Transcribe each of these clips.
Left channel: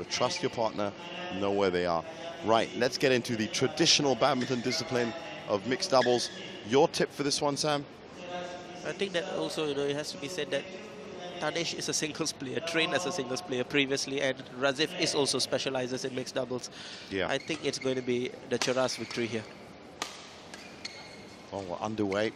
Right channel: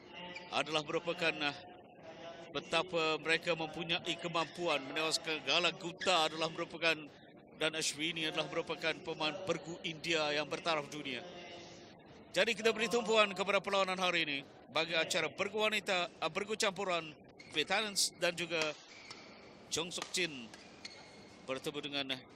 Got to trust your partner, know where they are. Right, let's get into the traditional badminton discipline of mixed doubles. Your tip for this one, Sam? I think that also, it has to be said that Tanesh is a singles player, trained as a singles player previously, and Razif is also specializes in mixed doubles. Yeah. I think it's going to be the Cheras victory here. Well, we're underway.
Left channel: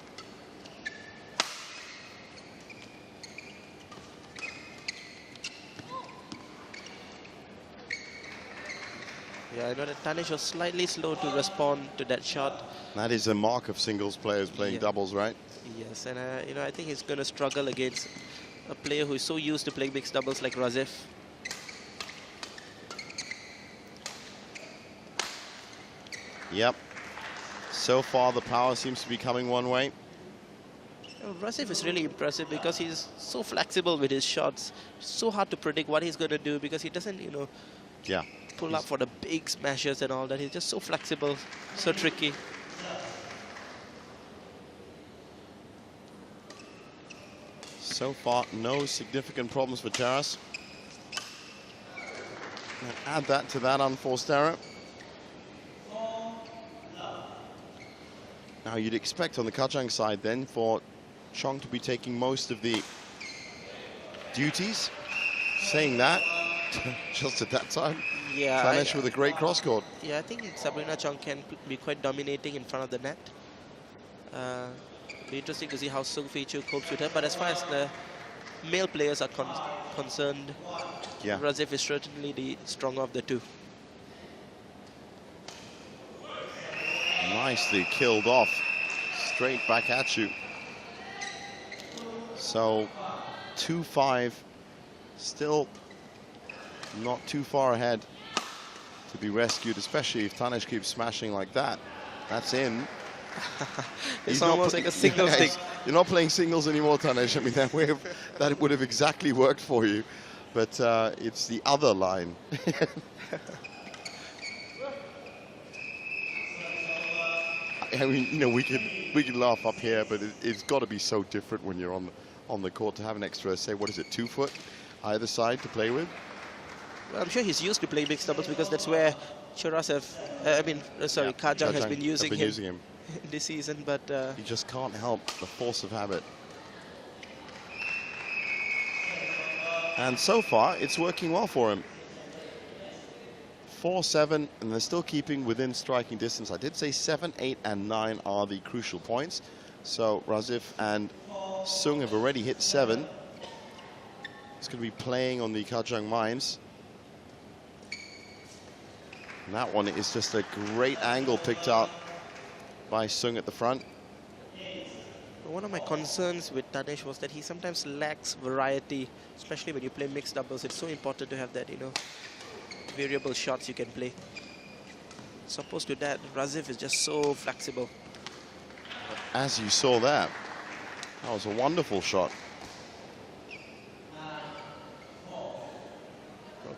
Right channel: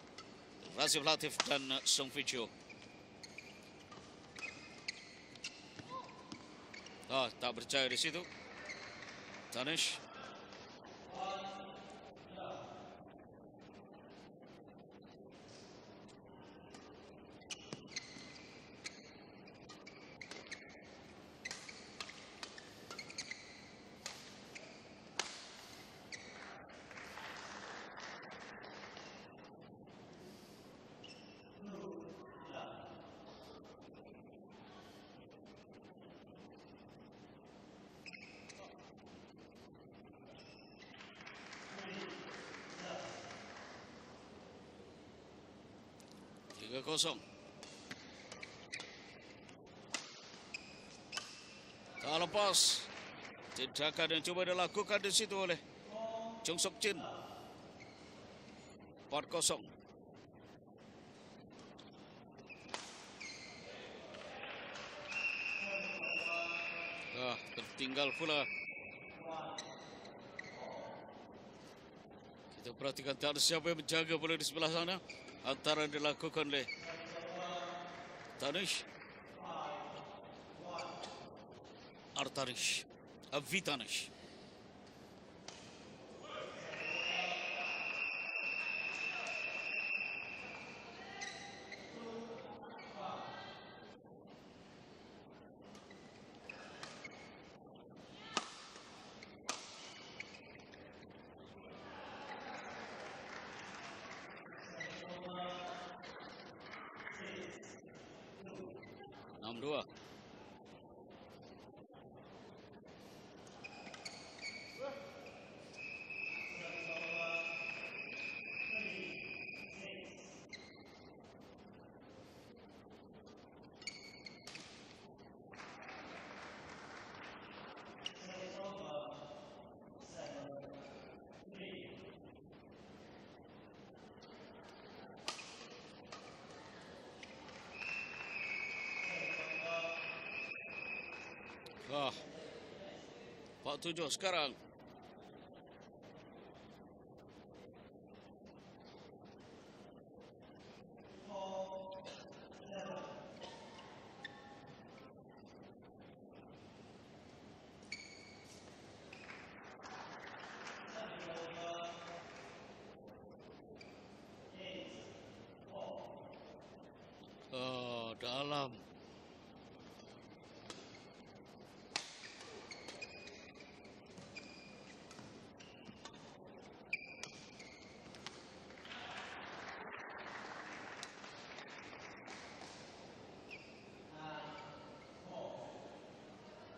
Yeah, I know that Tanesh was slightly slow to respond to that shot. That is a mark of singles players playing doubles, right? Yes, and I think he's going to struggle against a player who is so used to playing mixed doubles like Razif. Yep. So far, the power seems to be coming one way. Razif is really impressive because he's so flexible with his shots. So hard to predict what he's going to do because he doesn't, pull up for the big smashes and all that. He's just so flexible, so tricky. So far, no significant problems for Cheras. Add that to that unforced error. Now you'd expect on the Kajang side then for Chong to be taking most of the duties. Saying that, just at that time, Tanesh with a great cross-court. Yeah, I think Sabrina Chong can be quite dominating in front of the net. Be interesting to see how Sung Fei-Chu copes with her. But as far as the male players are concerned, Razif is certainly the stronger of the two. Nicely killed off. Straight back at you. So, 2-5. Still not too far ahead to be rescued, especially if Tanesh keeps smashing like that. That's in. It's almost like a singles thing. You're not playing singles anymore, Tanesh. I mean, that would have exactly worked for you. But it's the other line. I mean, we can laugh up here, but it's got to be so different when you're on the court to have an extra, say, what is it, 2 foot either side to play with? Well, I'm sure he's used to playing mixed doubles because that's where Cheras Kajang has been using him this season, but you just can't help the force of habit. And so far, it's working well for him. 4-7, and they're still keeping within striking distance. I did say 7, 8, and 9 are the crucial points. So Razif and Sung have already hit 7. It's going to be playing on the Kajang Mines. And that one is just a great angle picked out by Sung at the front. One of my concerns with Tanesh was that he sometimes lacks variety, especially when you play mixed doubles. It's so important to have that, variable shots you can play. As opposed to that, Razif is just so flexible. As you saw that was a wonderful shot.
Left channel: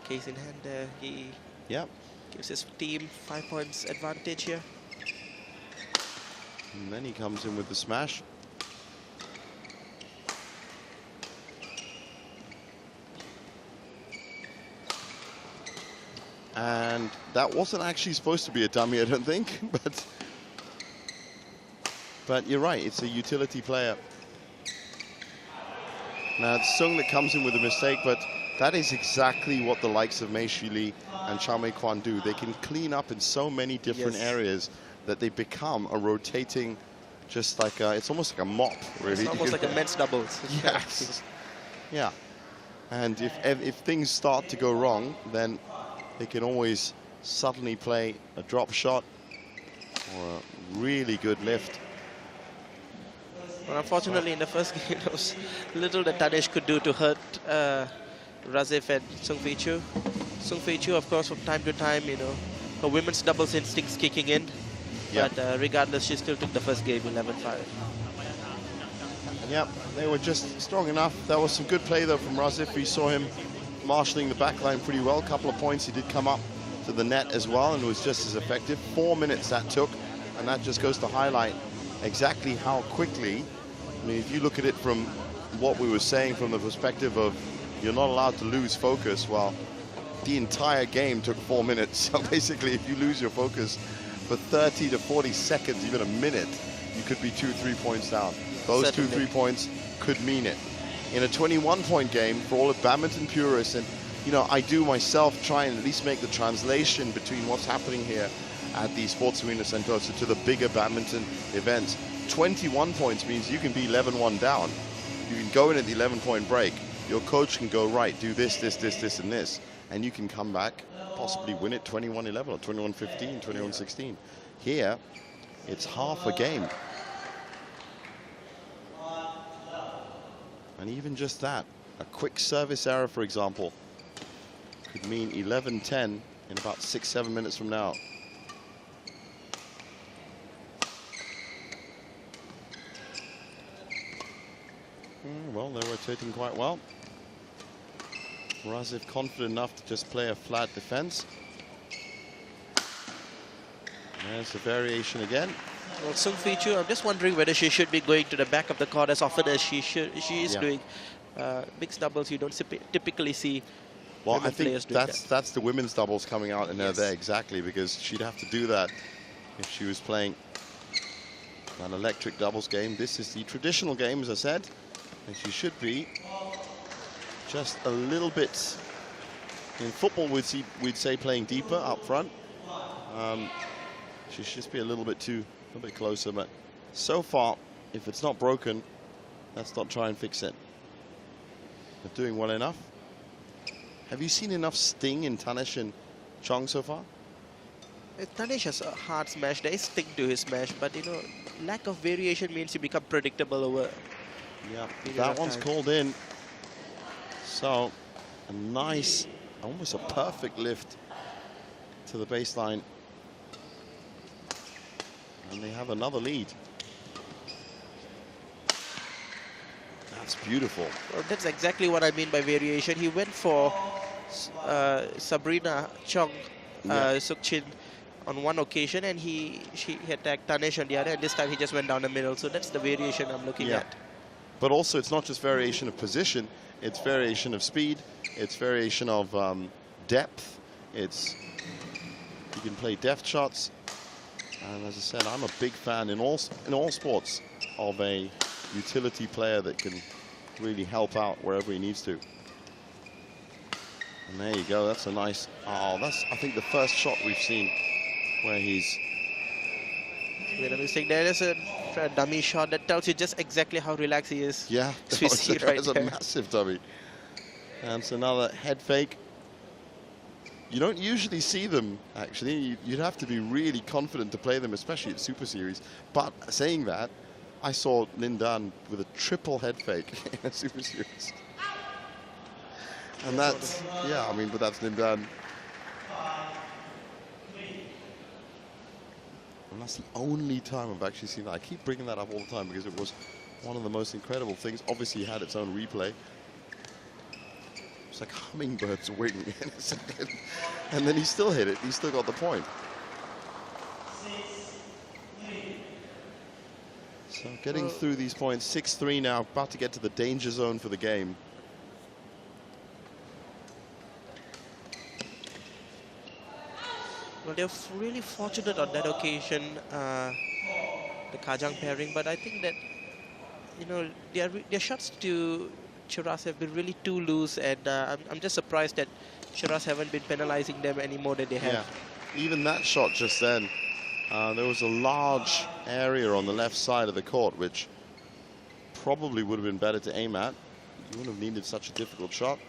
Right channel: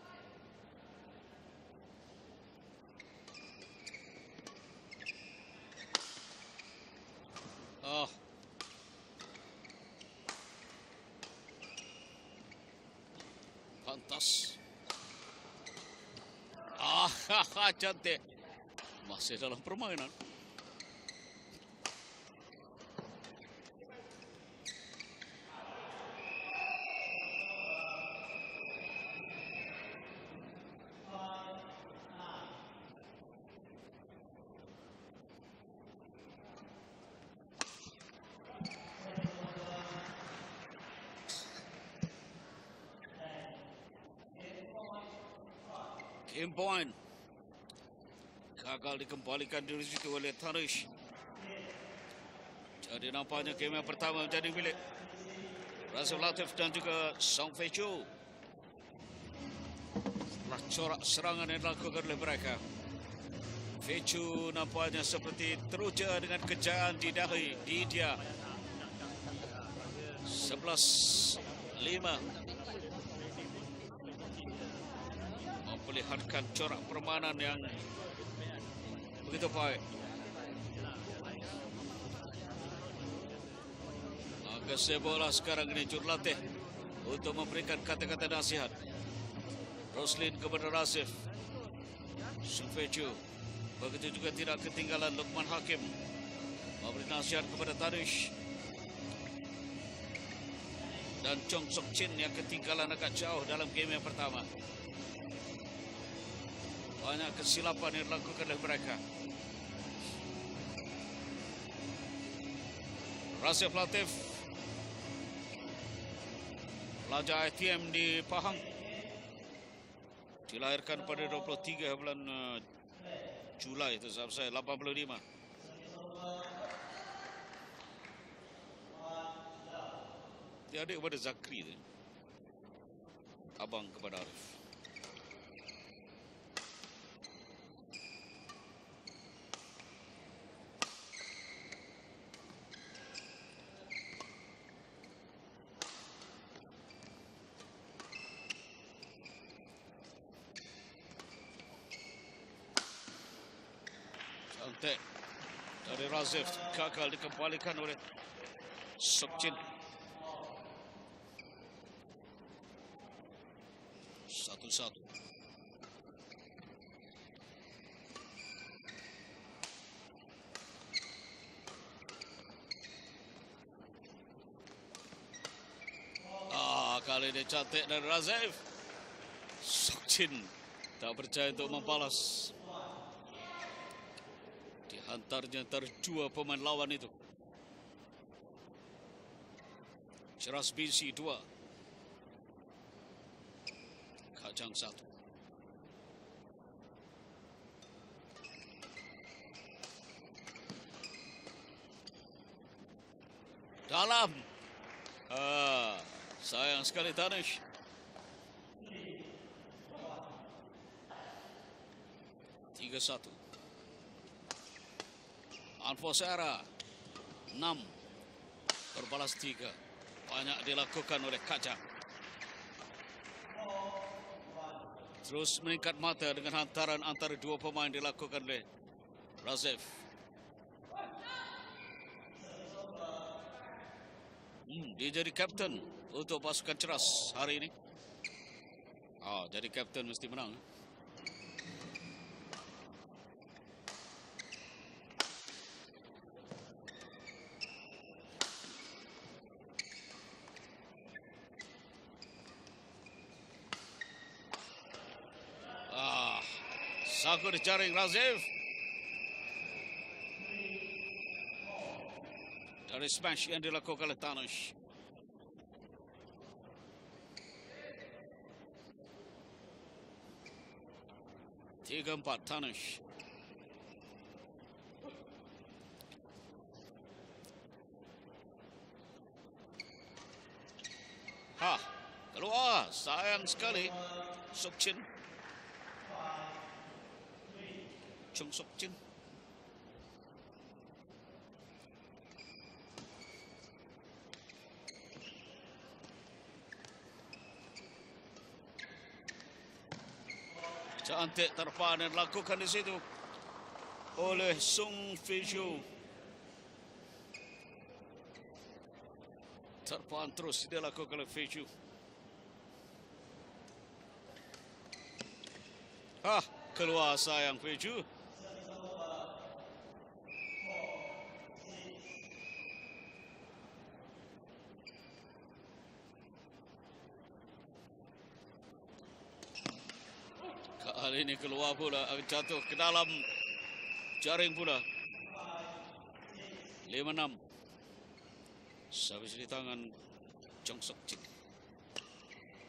Case in hand, he gives his team 5 points advantage here. And then he comes in with the smash. And that wasn't actually supposed to be a dummy, I don't think. But you're right, it's a utility player. Now it's Sung that comes in with a mistake, but that is exactly what the likes of Mei Shi Li and Chao Mei Kwan do. They can clean up in so many different areas that they become a rotating, just like it's almost like a mop, really. It's almost like a men's doubles. Yes. Yeah. And if things start to go wrong, then they can always suddenly play a drop shot or a really good lift. Well, unfortunately, in the first game, there was little that Tanesh could do to hurt Razif and Sung Fei-Chu. Sung Fei-Chu, of course, from time to time, her women's doubles instincts kicking in. But regardless, she still took the first game 11-5. Yep, they were just strong enough. There was some good play, though, from Razif. We saw him marshalling the back line pretty well. A couple of points. He did come up to the net as well and was just as effective. 4 minutes that took, and that just goes to highlight exactly how quickly. I mean, if you look at it from what we were saying from the perspective of you're not allowed to lose focus, well, the entire game took 4 minutes. So basically, if you lose your focus for 30 to 40 seconds, even a minute, you could be 2-3 points down. Those Certainly. 2-3 points could mean it. In a 21-point game, for all the badminton purists, and you know, I do myself try and at least make the translation between what's happening here at the Sports Arena Sentosa to the bigger badminton events. 21 points means you can be 11-1 down. You can go in at the 11-point break. Your coach can go, right, do this, this, this, this, and this. And you can come back, possibly win it 21-11 or 21-15, 21-16. Here, it's half a game. And even just that, a quick service error, for example, could mean 11-10 in about 6-7 minutes from now. Well, they're rotating quite well. Razif confident enough to just play a flat defense. There's the variation again. Well, Sung Fei-Chu, I'm just wondering whether she should be going to the back of the court as often as she is doing. Mixed doubles, you don't typically see. Well, I think that's the women's doubles coming out in there exactly, because she'd have to do that if she was playing an electric doubles game. This is the traditional game, as I said, and she should be just a little bit. In football, we'd say playing deeper up front. She should just be a little bit closer, but so far, if it's not broken, let's not try and fix it. They're doing well enough. Have you seen enough sting in Tanesh and Chong so far? Tanesh has a hard smash. There is sting to his smash, but you know, lack of variation means you become predictable over. Yeah, that one's called in. So, a nice, almost a perfect lift to the baseline. And they have another lead. That's beautiful. Well, that's exactly what I mean by variation. He went for Sabrina Chong Sukchin on one occasion, and she attacked Tanesh on the other, and this time he just went down the middle. So that's the variation I'm looking at. But also, it's not just variation of position, it's variation of speed, it's variation of depth. You can play depth shots. And as I said, I'm a big fan in all sports of a utility player that can really help out wherever he needs to. And there you go, that's a nice, that's, I think, the first shot we've seen where he's... Wait a minute, there is a dummy shot that tells you just exactly how relaxed he is. Yeah, that's a massive dummy. And it's another head fake. You don't usually see them, actually. You'd have to be really confident to play them, especially at Super Series. But saying that, I saw Lin Dan with a triple head fake in a Super Series. And that's, yeah, I mean, but that's Lin Dan. And that's the only time I've actually seen that. I keep bringing that up all the time because it was one of the most incredible things. Obviously, it had its own replay. It's like hummingbird's wing in a second. And then he still hit it. He still got the point. So getting through these points, 6-3 now, about to get to the danger zone for the game. Well, they're really fortunate on that occasion, the Kajang pairing, but I think that, you know, their shots to Cheras have been really too loose, and I'm just surprised that Cheras haven't been penalizing them any more than they have. Yeah. Even that shot just then, there was a large area on the left side of the court, which probably would have been better to aim at. You wouldn't have needed such a difficult shot.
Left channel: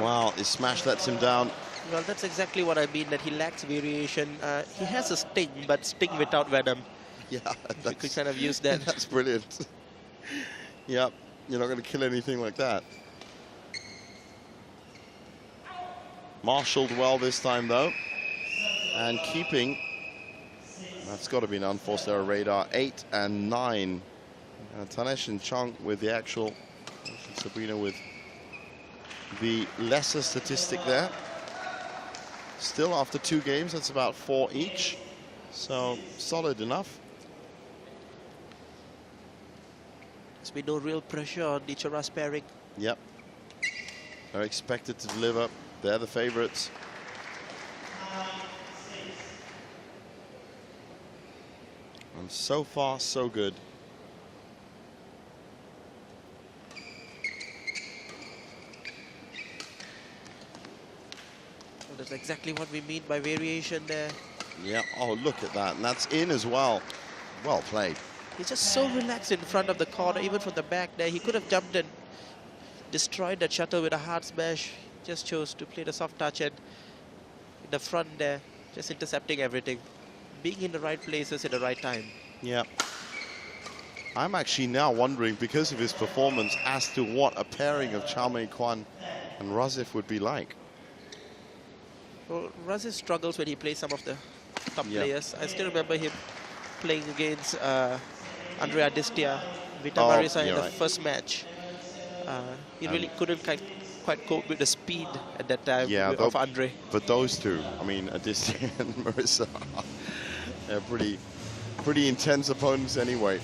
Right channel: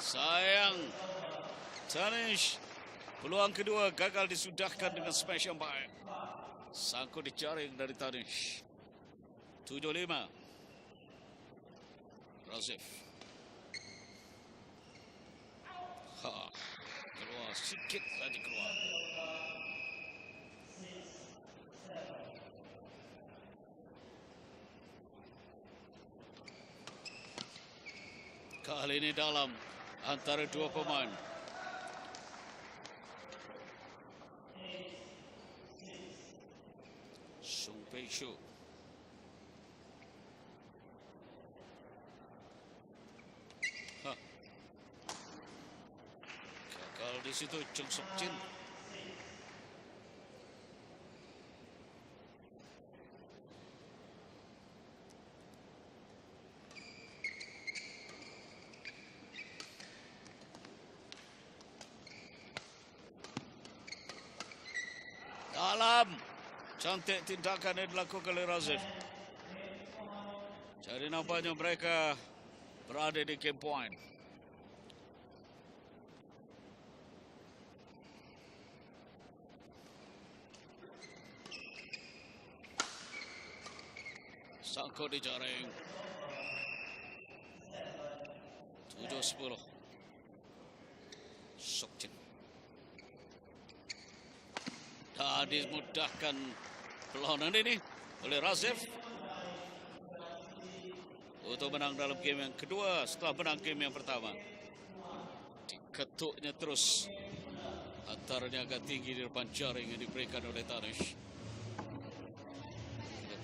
Wow, his smash lets him down. Well, that's exactly what I mean, that he lacks variation. He has a sting, but sting without venom. Yeah, we could kind of use that. That's brilliant. Yep, you're not going to kill anything like that. Marshaled well this time, though. And keeping, that's got to be an unforced error radar, 8 and 9. Tanesh and Chong with the actual, Sabrina with the lesser statistic there. Still, after 2 games, that's about 4 each. So, solid enough. There's been no real pressure on the Cheras pairing. Yep. They're expected to deliver. They're the favorites. And so far, so good. That's exactly what we mean by variation there. Yeah, oh, look at that. And that's in as well. Well played. He's just so relaxed in front of the corner, even from the back there. He could have jumped and destroyed that shuttle with a hard smash. Just chose to play the soft touch and in the front there, just intercepting everything. Being in the right places at the right time. Yeah. I'm actually now wondering, because of his performance, as to what a pairing of Chow Mei Kwan and Razif would be like. Well, Razif struggles when he plays some of the top players. I still remember him playing against Andre Adistia, Vita Marisa in the first match. He really couldn't quite cope with the speed at that time of Andre. But those two, I mean, Adistia and Marisa, they're pretty intense opponents anyway.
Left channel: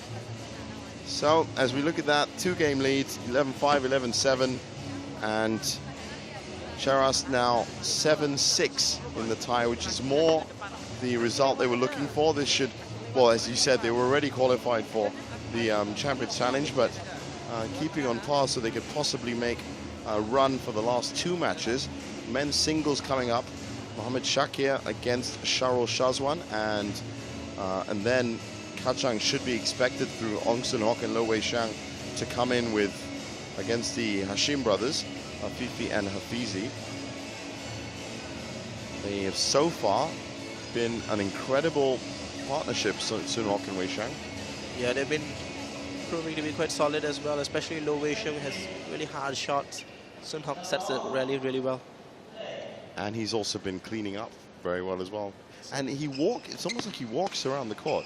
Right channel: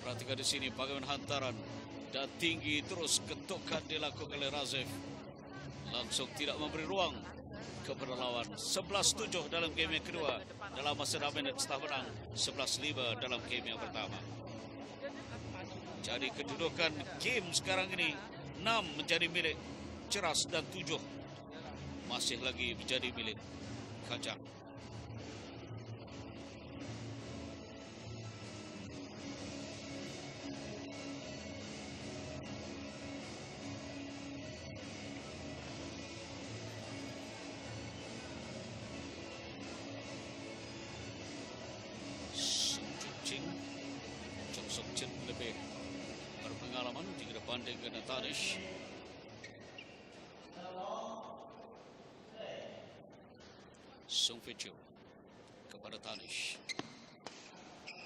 So, as we look at that, 2-game leads, 11-5, 11-7, and Cheras now 7-6 in the tie, which is more the result they were looking for. This should, well, as you said, they were already qualified for the Champions Challenge, but keeping on par so they could possibly make a run for the last 2 matches. Men's singles coming up, Mohamed Shakir against Sharul Shazwan, and then Kajang should be expected through Ong Sun Hok and Lo Wei Shang to come in with against the Hashim brothers, Afifi and Hafizi. They have so far been an incredible partnership, Sun Hok and Wei Shang. Yeah, they've been proving to be quite solid as well, especially Lo Wei Shang has really hard shots. Sun Hok sets it really well. And he's also been cleaning up very well as well. And it's almost like he walks around the court,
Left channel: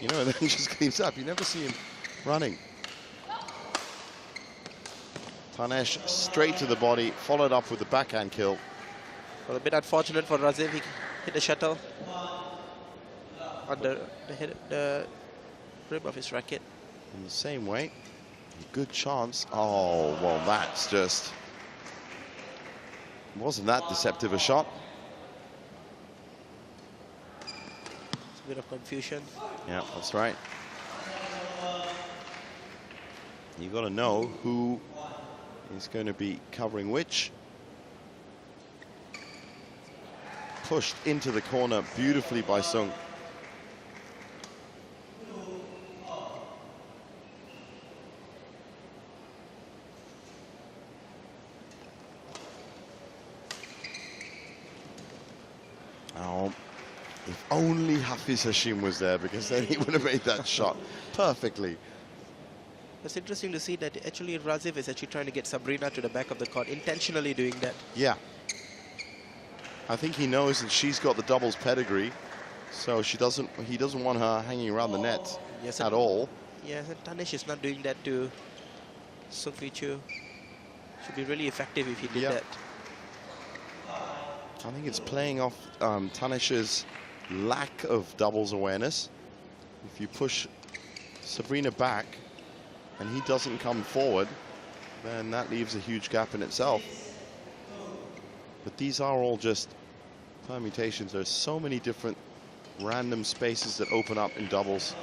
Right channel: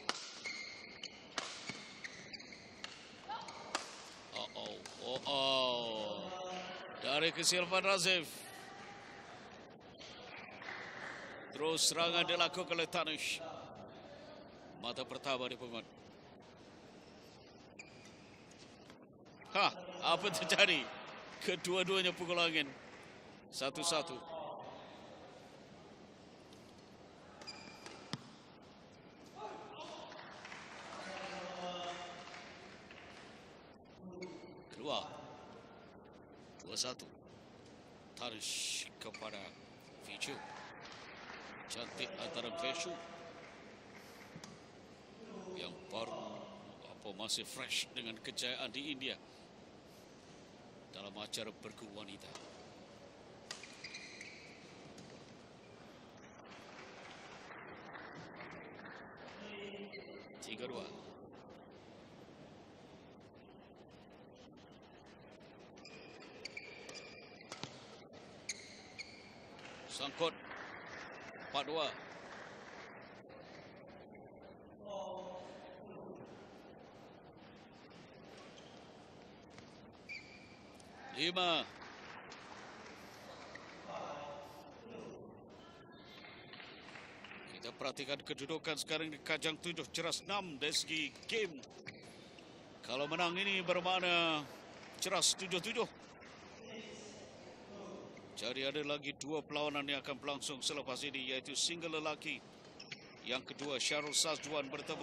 you know, and then he just cleans up. You never see him running. Tanesh straight to the body, followed up with the backhand kill. Well, a bit unfortunate for Razif. He hit the shuttle under the rim of his racket. In the same way, good chance. Oh, well, that's just... Wasn't that deceptive a shot? It's a bit of confusion. Yeah, that's right. You've got to know who is going to be covering which. Pushed into the corner beautifully by Sung. Oh, if only Hafiz Hashim was there, because then he would have made that shot perfectly. It's interesting to see that actually Razif is actually trying to get Sabrina to the back of the court, intentionally doing that. Yeah. I think he knows that she's got the doubles pedigree, so he doesn't want her hanging around the net at all. Yes, and Tanesh is not doing that to Sung Fi Chu. Should be really effective if he did that. I think it's playing off Tanesh's lack of doubles awareness. If you push Sabrina back and he doesn't come forward, then that leaves a huge gap in itself. But these are all just permutations. There's so many different random spaces that open up in doubles.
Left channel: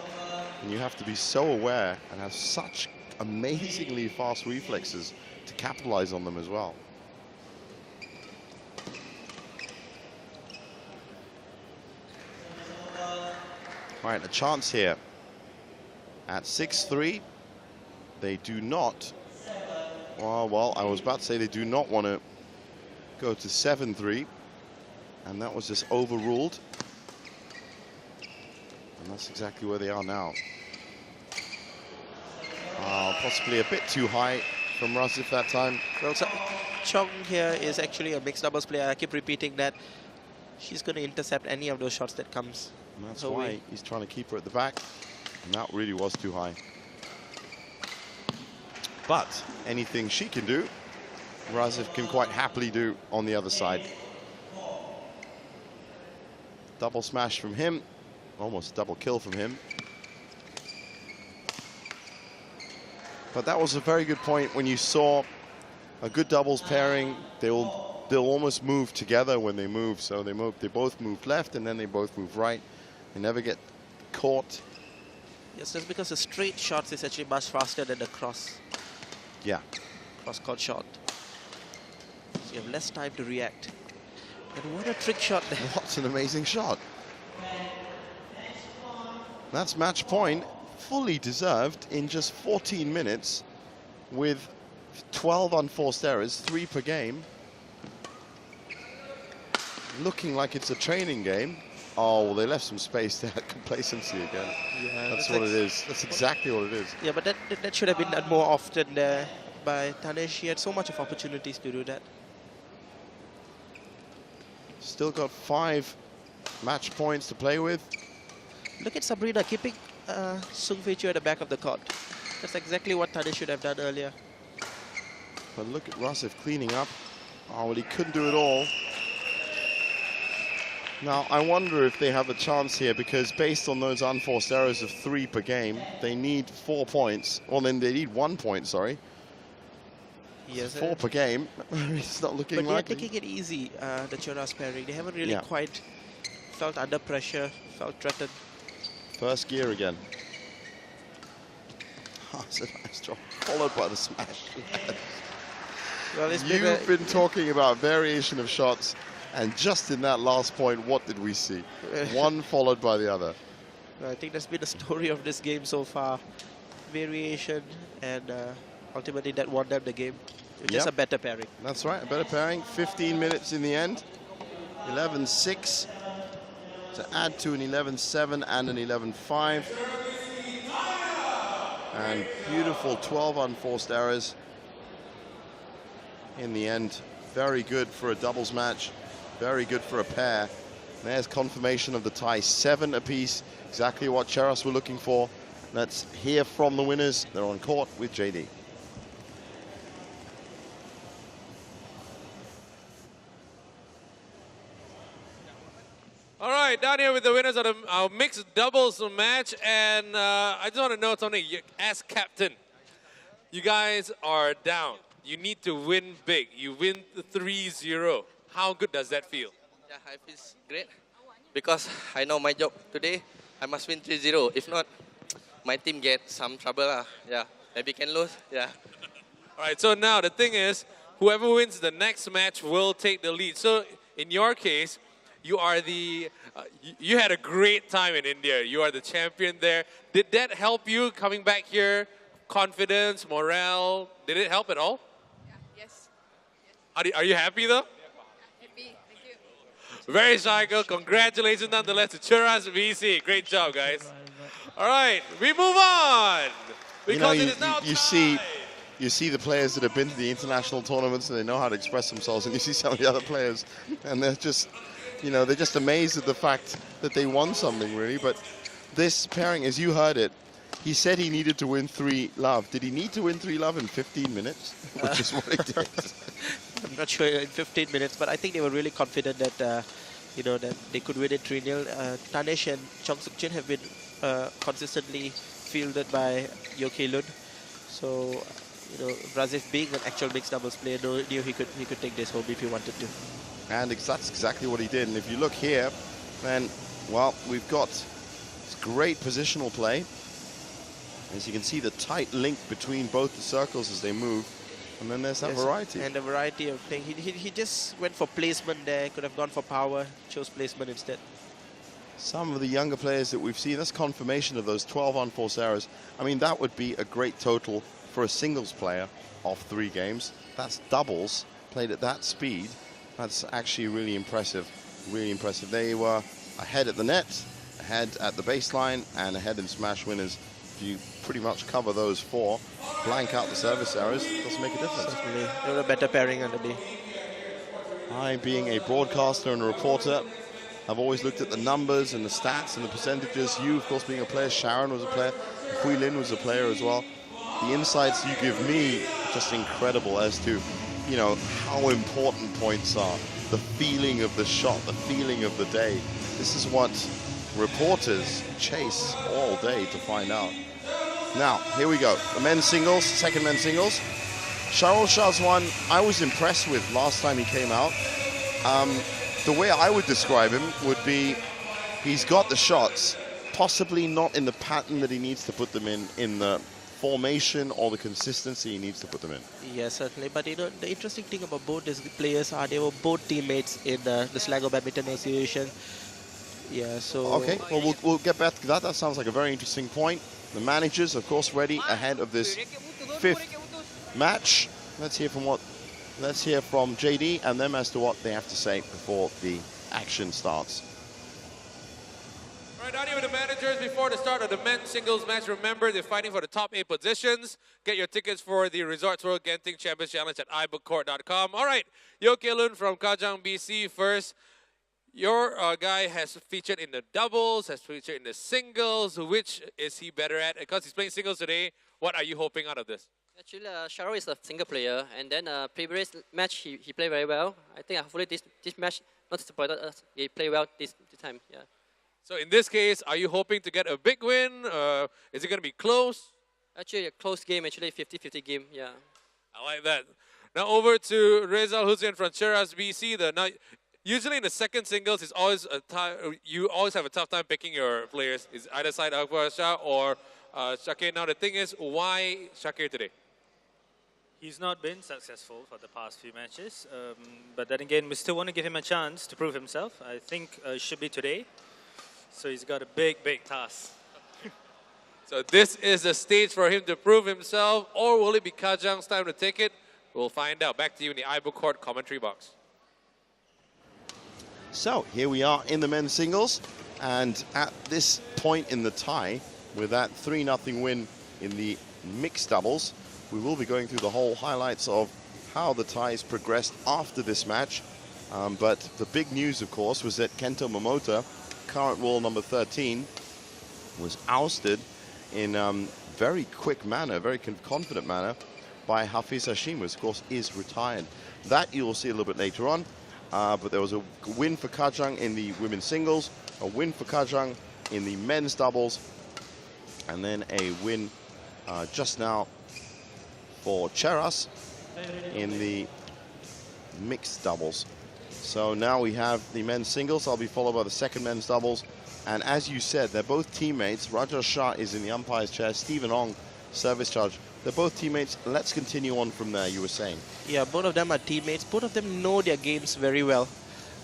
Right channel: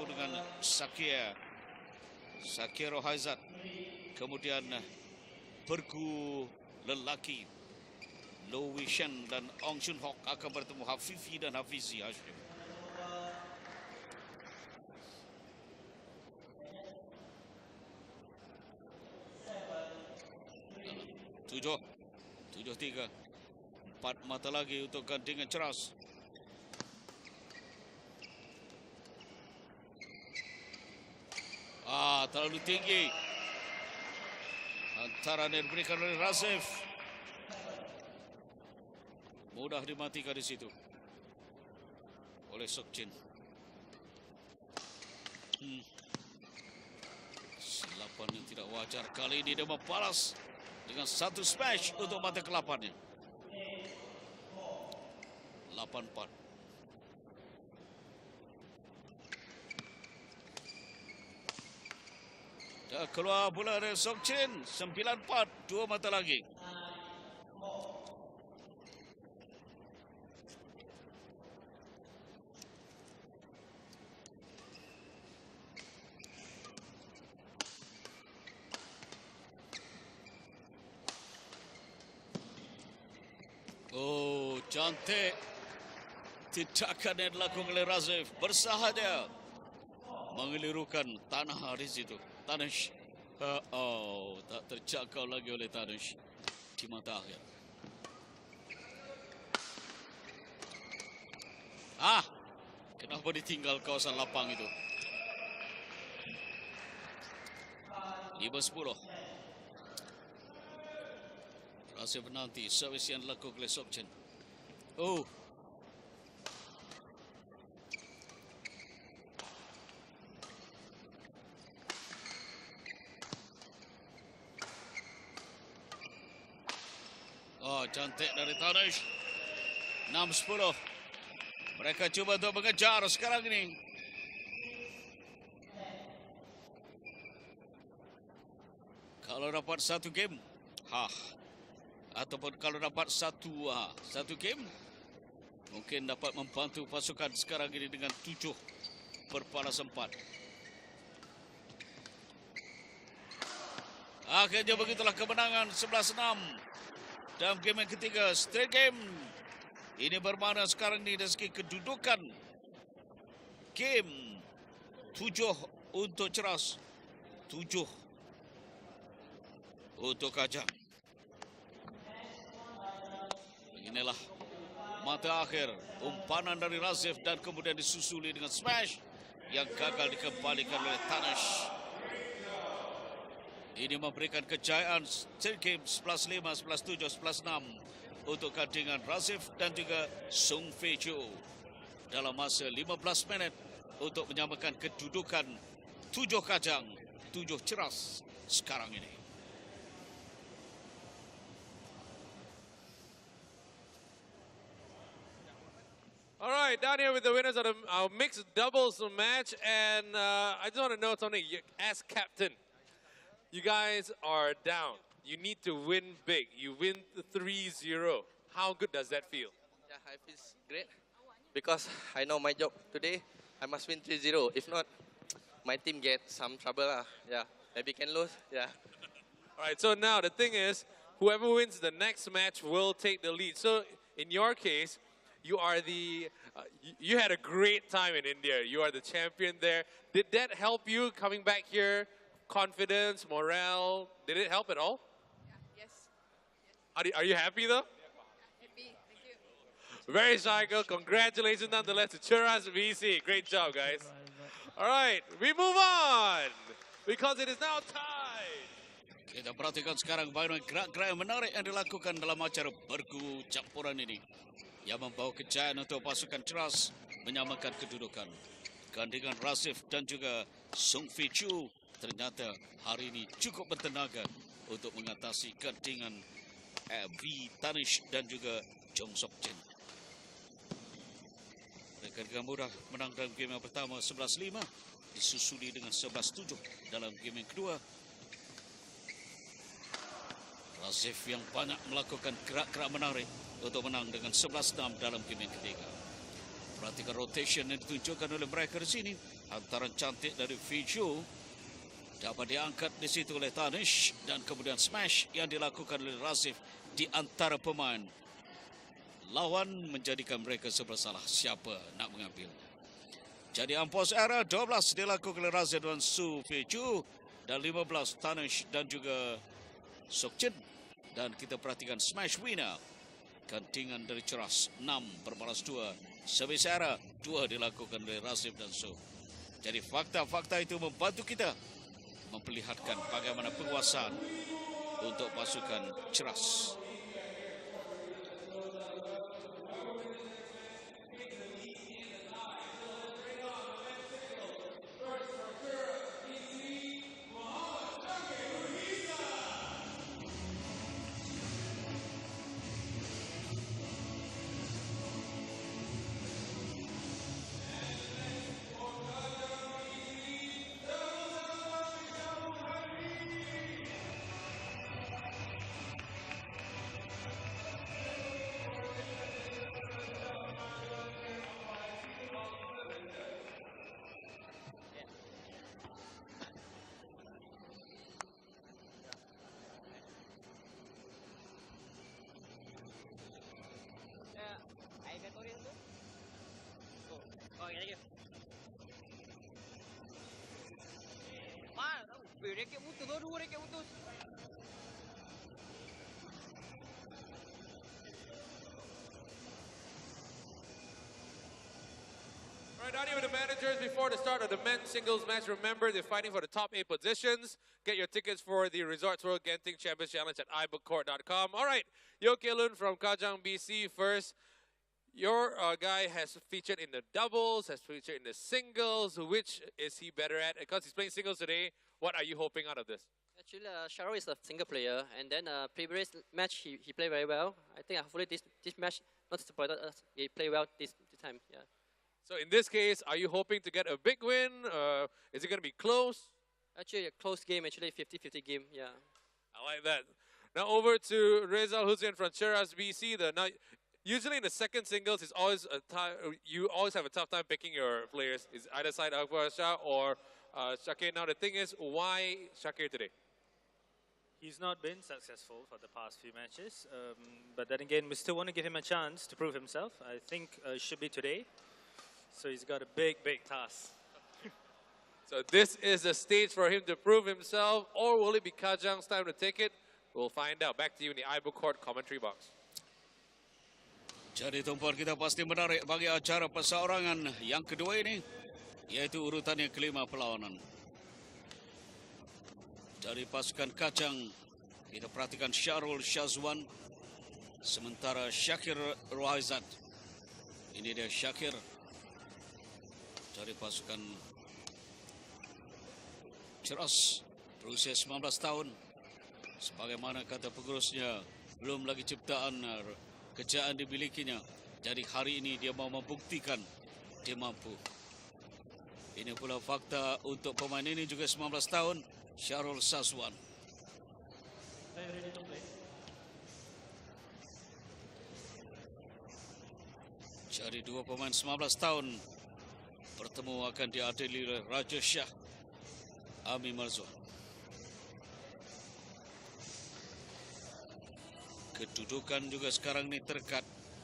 And you have to be so aware and have such amazingly fast reflexes to capitalize on them as well. All right, a chance here. At 6-3, they do not, well, I was about to say they do not want to go to 7-3, and that was just overruled. And that's exactly where they are now. Possibly a bit too high from Razif that time. Well, Chong here is actually a mixed doubles player. I keep repeating that. She's going to intercept any of those shots that comes. And that's why he's trying to keep her at the back. And that really was too high. But anything she can do, Razif can quite happily do on the other side. Double smash from him, almost double kill from him. But that was a very good point when you saw a good doubles pairing. They'll almost move together when they move. So they both move left and then they both move right. They never get caught. Yes, that's because the straight shots is actually much faster than the cross. Yeah. Cross-court shot. So you have less time to react. And what a trick shot there. That's an amazing shot. That's match point, fully deserved in just 14 minutes with 12 unforced errors, 3 per game. Looking like it's a training game. Oh, they left some space there to place into again. Yeah, that's what it is. That's exactly what it is. Yeah, but that should have been done more often by Tanesh. He had so much of opportunities to do that. Still got 5 match points to play with. Look at Sabrina keeping Sung Fei Chu at the back of the court. That's exactly what Tanesh should have done earlier. But look at Razif cleaning up. Oh, well, he couldn't do it all. Now, I wonder if they have a chance here, because based on those unforced errors of 3 per game, they need 4 points. Well, then they need 1 point, sorry. Yes, 4 per game. It's not looking but like they're taking it easy, the Cheras pairing. They haven't really quite felt under pressure, felt threatened. First gear again. Oh, it's a nice drop, followed by the smash. You've been talking about variation of shots, and just in that last point, what did we see? One followed by the other. I think that's been the story of this game so far. Variation, and ultimately that won them the game. Just a better pairing. That's right, a better pairing. 15 minutes in the end. 11-6 to add to an 11-7 and an 11-5. And beautiful 12 unforced errors. In the end, very good for a doubles match. Very good for a pair. There's confirmation of the tie, 7 apiece. Exactly what Cheras were looking for. Let's hear from the winners. They're on court with JD. All right, down here with the winners of our mixed doubles match, and I just want to know something. As captain, you guys are down. You need to win big. You win 3-0. How good does that feel? Yeah, I feel great because I know my job today. I must win 3-0. If not, my team gets some trouble. Yeah, maybe can lose. Yeah. All right, so now the thing is, whoever wins the next match will take the lead. So in your case, you are you had a great time in India. You are the champion there. Did that help you coming back here? Confidence, morale, did it help at all? Yeah, yes. Are you happy though? Happy, thank you. Very shy girl. Congratulations nonetheless to Cheras VC. Great job, guys. All right, we move on. Because it is now time. You see the players that have been to the international tournaments and they know how to express themselves, and you see some of the other players and they're just, they're just amazed at the fact that they won something, really. But this pairing, as you heard it, he said he needed to win 3-love. Did he need to win 3-love in 15 minutes? Which is what he did. I'm not sure in 15 minutes, but I think they were really confident that, that they could win it 3-0. Tanesh and Chong Suk Chin have been consistently fielded by Yo Kei Lun. So, Razif being an actual mixed doubles player, knew he could take this home if he wanted to. And that's exactly what he did. And if you look here, then, well, we've got great positional play. As you can see, the tight link between both the circles as they move. And then there's that variety. And a variety of play. He just went for placement there, could have gone for power, chose placement instead. Some of the younger players that we've seen, that's confirmation of those 12 unforced errors. I mean, that would be a great total for a singles player of 3 games. That's doubles played at that speed. That's actually really impressive. Really impressive. They were ahead at the net, ahead at the baseline, and ahead in smash winners. You pretty much cover those 4. Blank out the service errors, doesn't make a difference. They were a better pairing on the day. I, being a broadcaster and a reporter, I've always looked at the numbers and the stats and the percentages. You, of course, being a player, Sharon was a player, Hui Lin was a player as well. The insights you give me, just incredible as to you know, how important points are, the feeling of the shot, the feeling of the day. This is what reporters chase all day to find out. Now, here we go. The men's singles, second men's singles. Charles Chazwan, I was impressed with last time he came out. The way I would describe him would be he's got the shots, possibly not in the pattern that he needs to put them in the formation or the consistency he needs to put them in. Yes, certainly. But you know, the interesting thing about both these players are they were both teammates in the Sligo Badminton Association. Yeah, so... Okay, well, we'll get back to that. That sounds like a very interesting point. The managers, of course, ready ahead of this fifth match. Let's hear from JD and them as to what they have to say before the action starts. All right, down here with the managers before the start of the men's singles match. Remember, they're fighting for the top 8 positions. Get your tickets for the Resorts World Genting Champions Challenge at ibookcourt.com. All right, Yo Kelun from Kajang, BC first. Your guy has featured in the doubles, has featured in the singles. Which is he better at? Because he's playing singles today, what are you hoping out of this? Actually, Sharo is a single player, and then previous match he played very well. I think hopefully this match not disappointed us. He played well this time. Yeah. So in this case, are you hoping to get a big win? Is it going to be close? Actually, a close game. Actually, 50-50 game. Yeah. I like that. Now over to Rezal Hussein from Cheras, BC. Usually in the second singles, it's always you always have a tough time picking your players. It's either side Akbar Shah or Shakir. Now the thing is, why Shakir today? He's not been successful for the past few matches, but then again, we still want to give him a chance to prove himself. I think it should be today. So he's got a big, big task. So this is the stage for him to prove himself, or will it be Kajang's time to take it? We'll find out. Back to you in the iBook Court commentary box. So here we are in the men's singles, and at this point in the tie, with that 3-0 win in the mixed doubles, we will be going through the whole highlights of how the ties progressed after this match. But the big news, of course, was that Kento Momota, current world number 13, was ousted in very quick manner, very confident manner, by Hafiz Hashim, who of course is retired. That you will see a little bit later on. But there was a win for Kajang in the women's singles, a win for Kajang in the men's doubles, and then a win just now for Cheras in the mixed doubles. So now we have the men's singles. I'll be followed by the second men's doubles. And as you said, they're both teammates. Raja Shah is in the umpire's chair. Stephen Ong, service charge. They're both teammates. Let's continue on from there, you were saying. Yeah, both of them are teammates. Both of them know their games very well.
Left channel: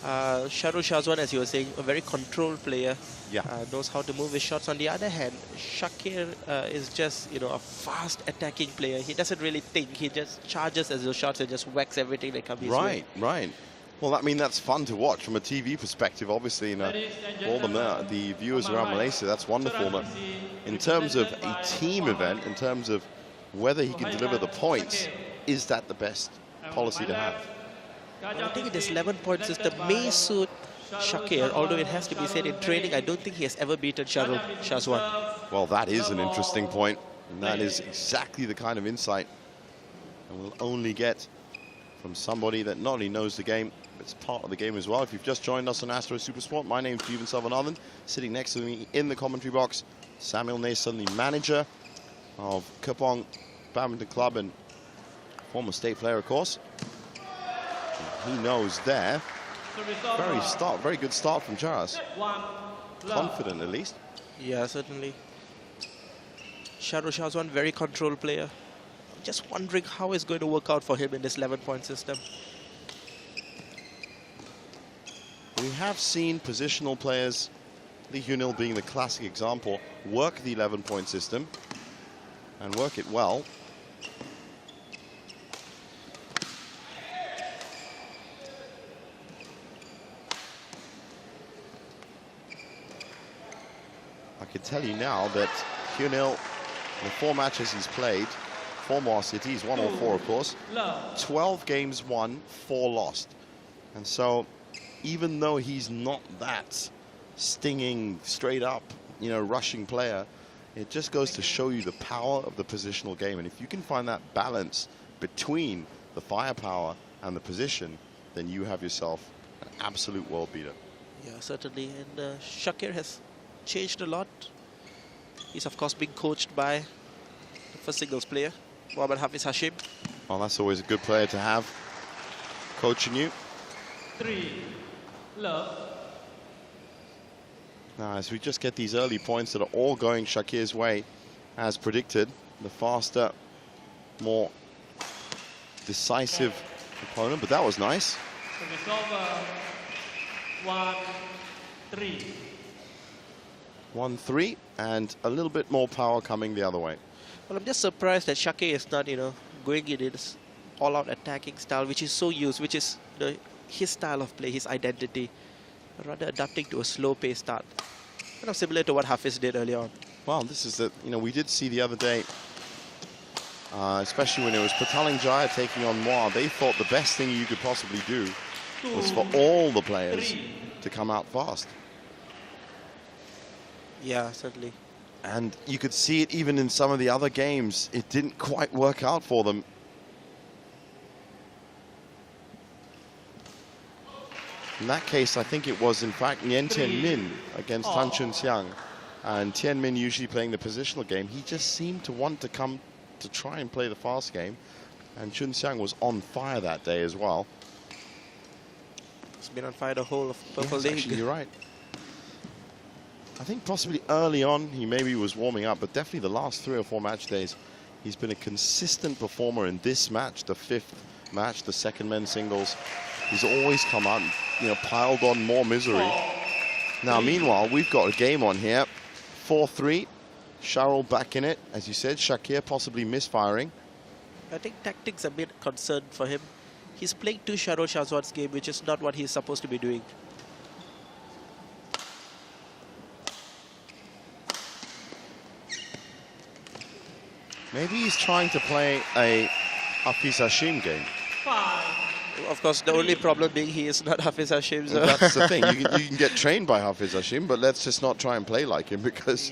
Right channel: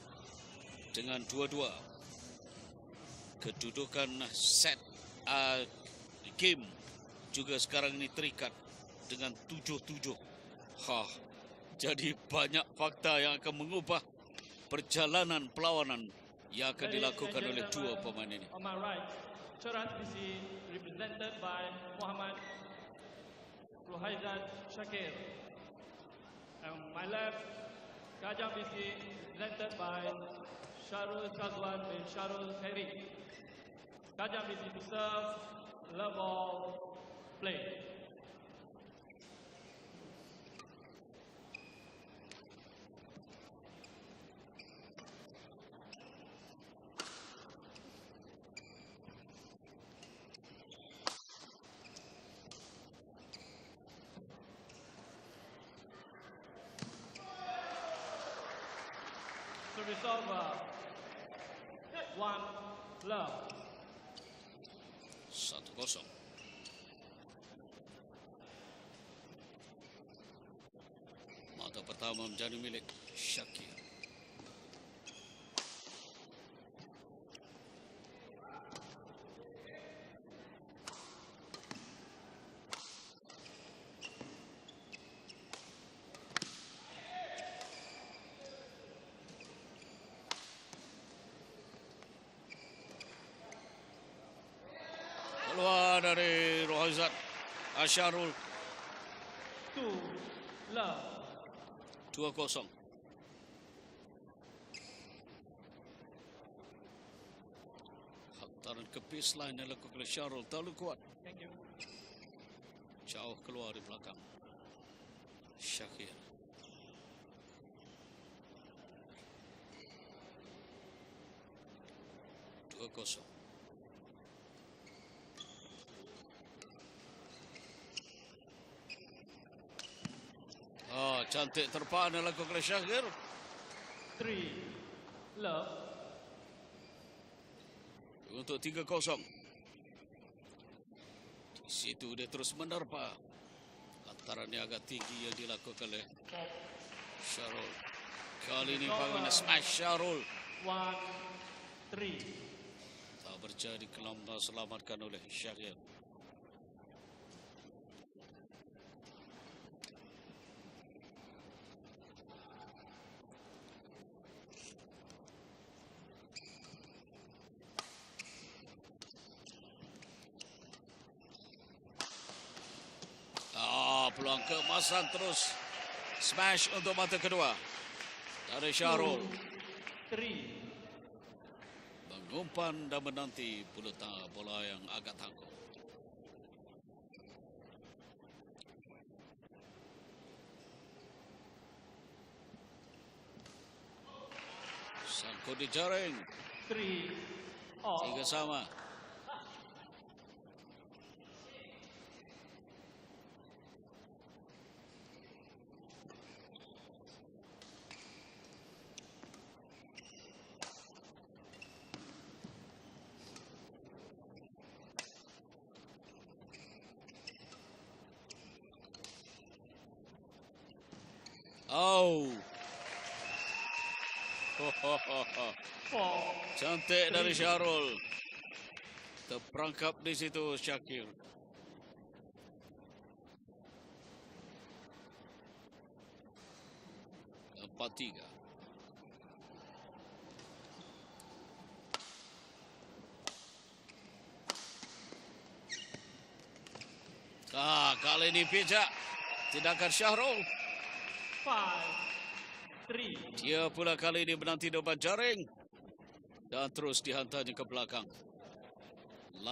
Shahrul Shazwan, as you were saying, a very controlled player. Yeah. Knows how to move his shots. On the other hand, Shakir is just, you know, a fast attacking player. He doesn't really think. He just charges as the shots and just whacks everything that comes his way. Right. Well, I mean, that's fun to watch from a TV perspective, obviously. You know, all the viewers around Malaysia, that's wonderful. But in terms of a team event, in terms of whether he can deliver the points, is that the best policy to have? I think this 11-point system may suit Shakir, although it has to be said in training, I don't think he has ever beaten Shahrul Shazwan. Well, that is an interesting point, and that is exactly the kind of insight we'll only get from somebody that not only knows the game, but it's part of the game as well. If you've just joined us on Astro Supersport, my name's Jeevan Selvanathan. Sitting next to me in the commentary box, Samuel Nason, the manager of Kopong Badminton Club and former state player, of course. He knows there. Very good start from Cheras. Confident, at least. Yeah, certainly. Shahrul Shazwan, very controlled player. Just wondering how it's going to work out for him in this 11-point system. We have seen positional players, Lee Hyun-il being the classic example, work the 11-point system and work it well. I can tell you now that Hyun-il, the 4 matches he's played, 4 more cities, 1 or 4 of course, 12 games won, 4 lost. And so even though he's not that stinging, straight up, you know, rushing player, it just goes to show you the power of the positional game. And if you can find that balance between the firepower and the position, then you have yourself an absolute world beater. Yeah, certainly. And Shakir has changed a lot. He's, of course, being coached by the first singles player, Mohammad Hafiz Hashim. Well, that's always a good player to have coaching you. 3 love. Now, as we just get these early points that are all going Shakir's way, as predicted, the faster, more decisive opponent, but that was nice. 1-3. 1-3, and a little bit more power coming the other way. Well, I'm just surprised that Shakir is not, going in his all-out attacking style, which is so used, which is his style of play, his identity, rather adapting to a slow-paced start. Kind of similar to what Hafiz did earlier on. Well, this is we did see the other day, especially when it was Pataling Jaya taking on Moa, they thought the best thing you could possibly do was for all the players to come out fast. Yeah, certainly. And you could see it even in some of the other games. It didn't quite work out for them. In that case, I think it was, in fact, Nguyen Tien Minh against Tan Chun Siang. And Tien Minh usually playing the positional game. He just seemed to want to come to try and play the fast game. And Chun Siang was on fire that day as well. He's been on fire the whole of Purple Yes, League. actually, you're right. I think possibly early on he maybe was warming up, but definitely the last 3 or 4 match days, he's been a consistent performer. In this match, the 5th match, the second men's singles, he's always come out and piled on more misery. Now, meanwhile, we've got a game on here. 4-3. Sharul back in it. As you said, Shakir possibly misfiring. I think tactics a bit concerned for him. He's playing to Sharul Shahzwad's game, which is not what he's supposed to be doing. Maybe he's trying to play a Hafiz Hashim game. Of course, the only problem being he is not Hafiz Hashim. So. That's the thing. You can get trained by Hafiz Hashim, but let's just not try and play like him, because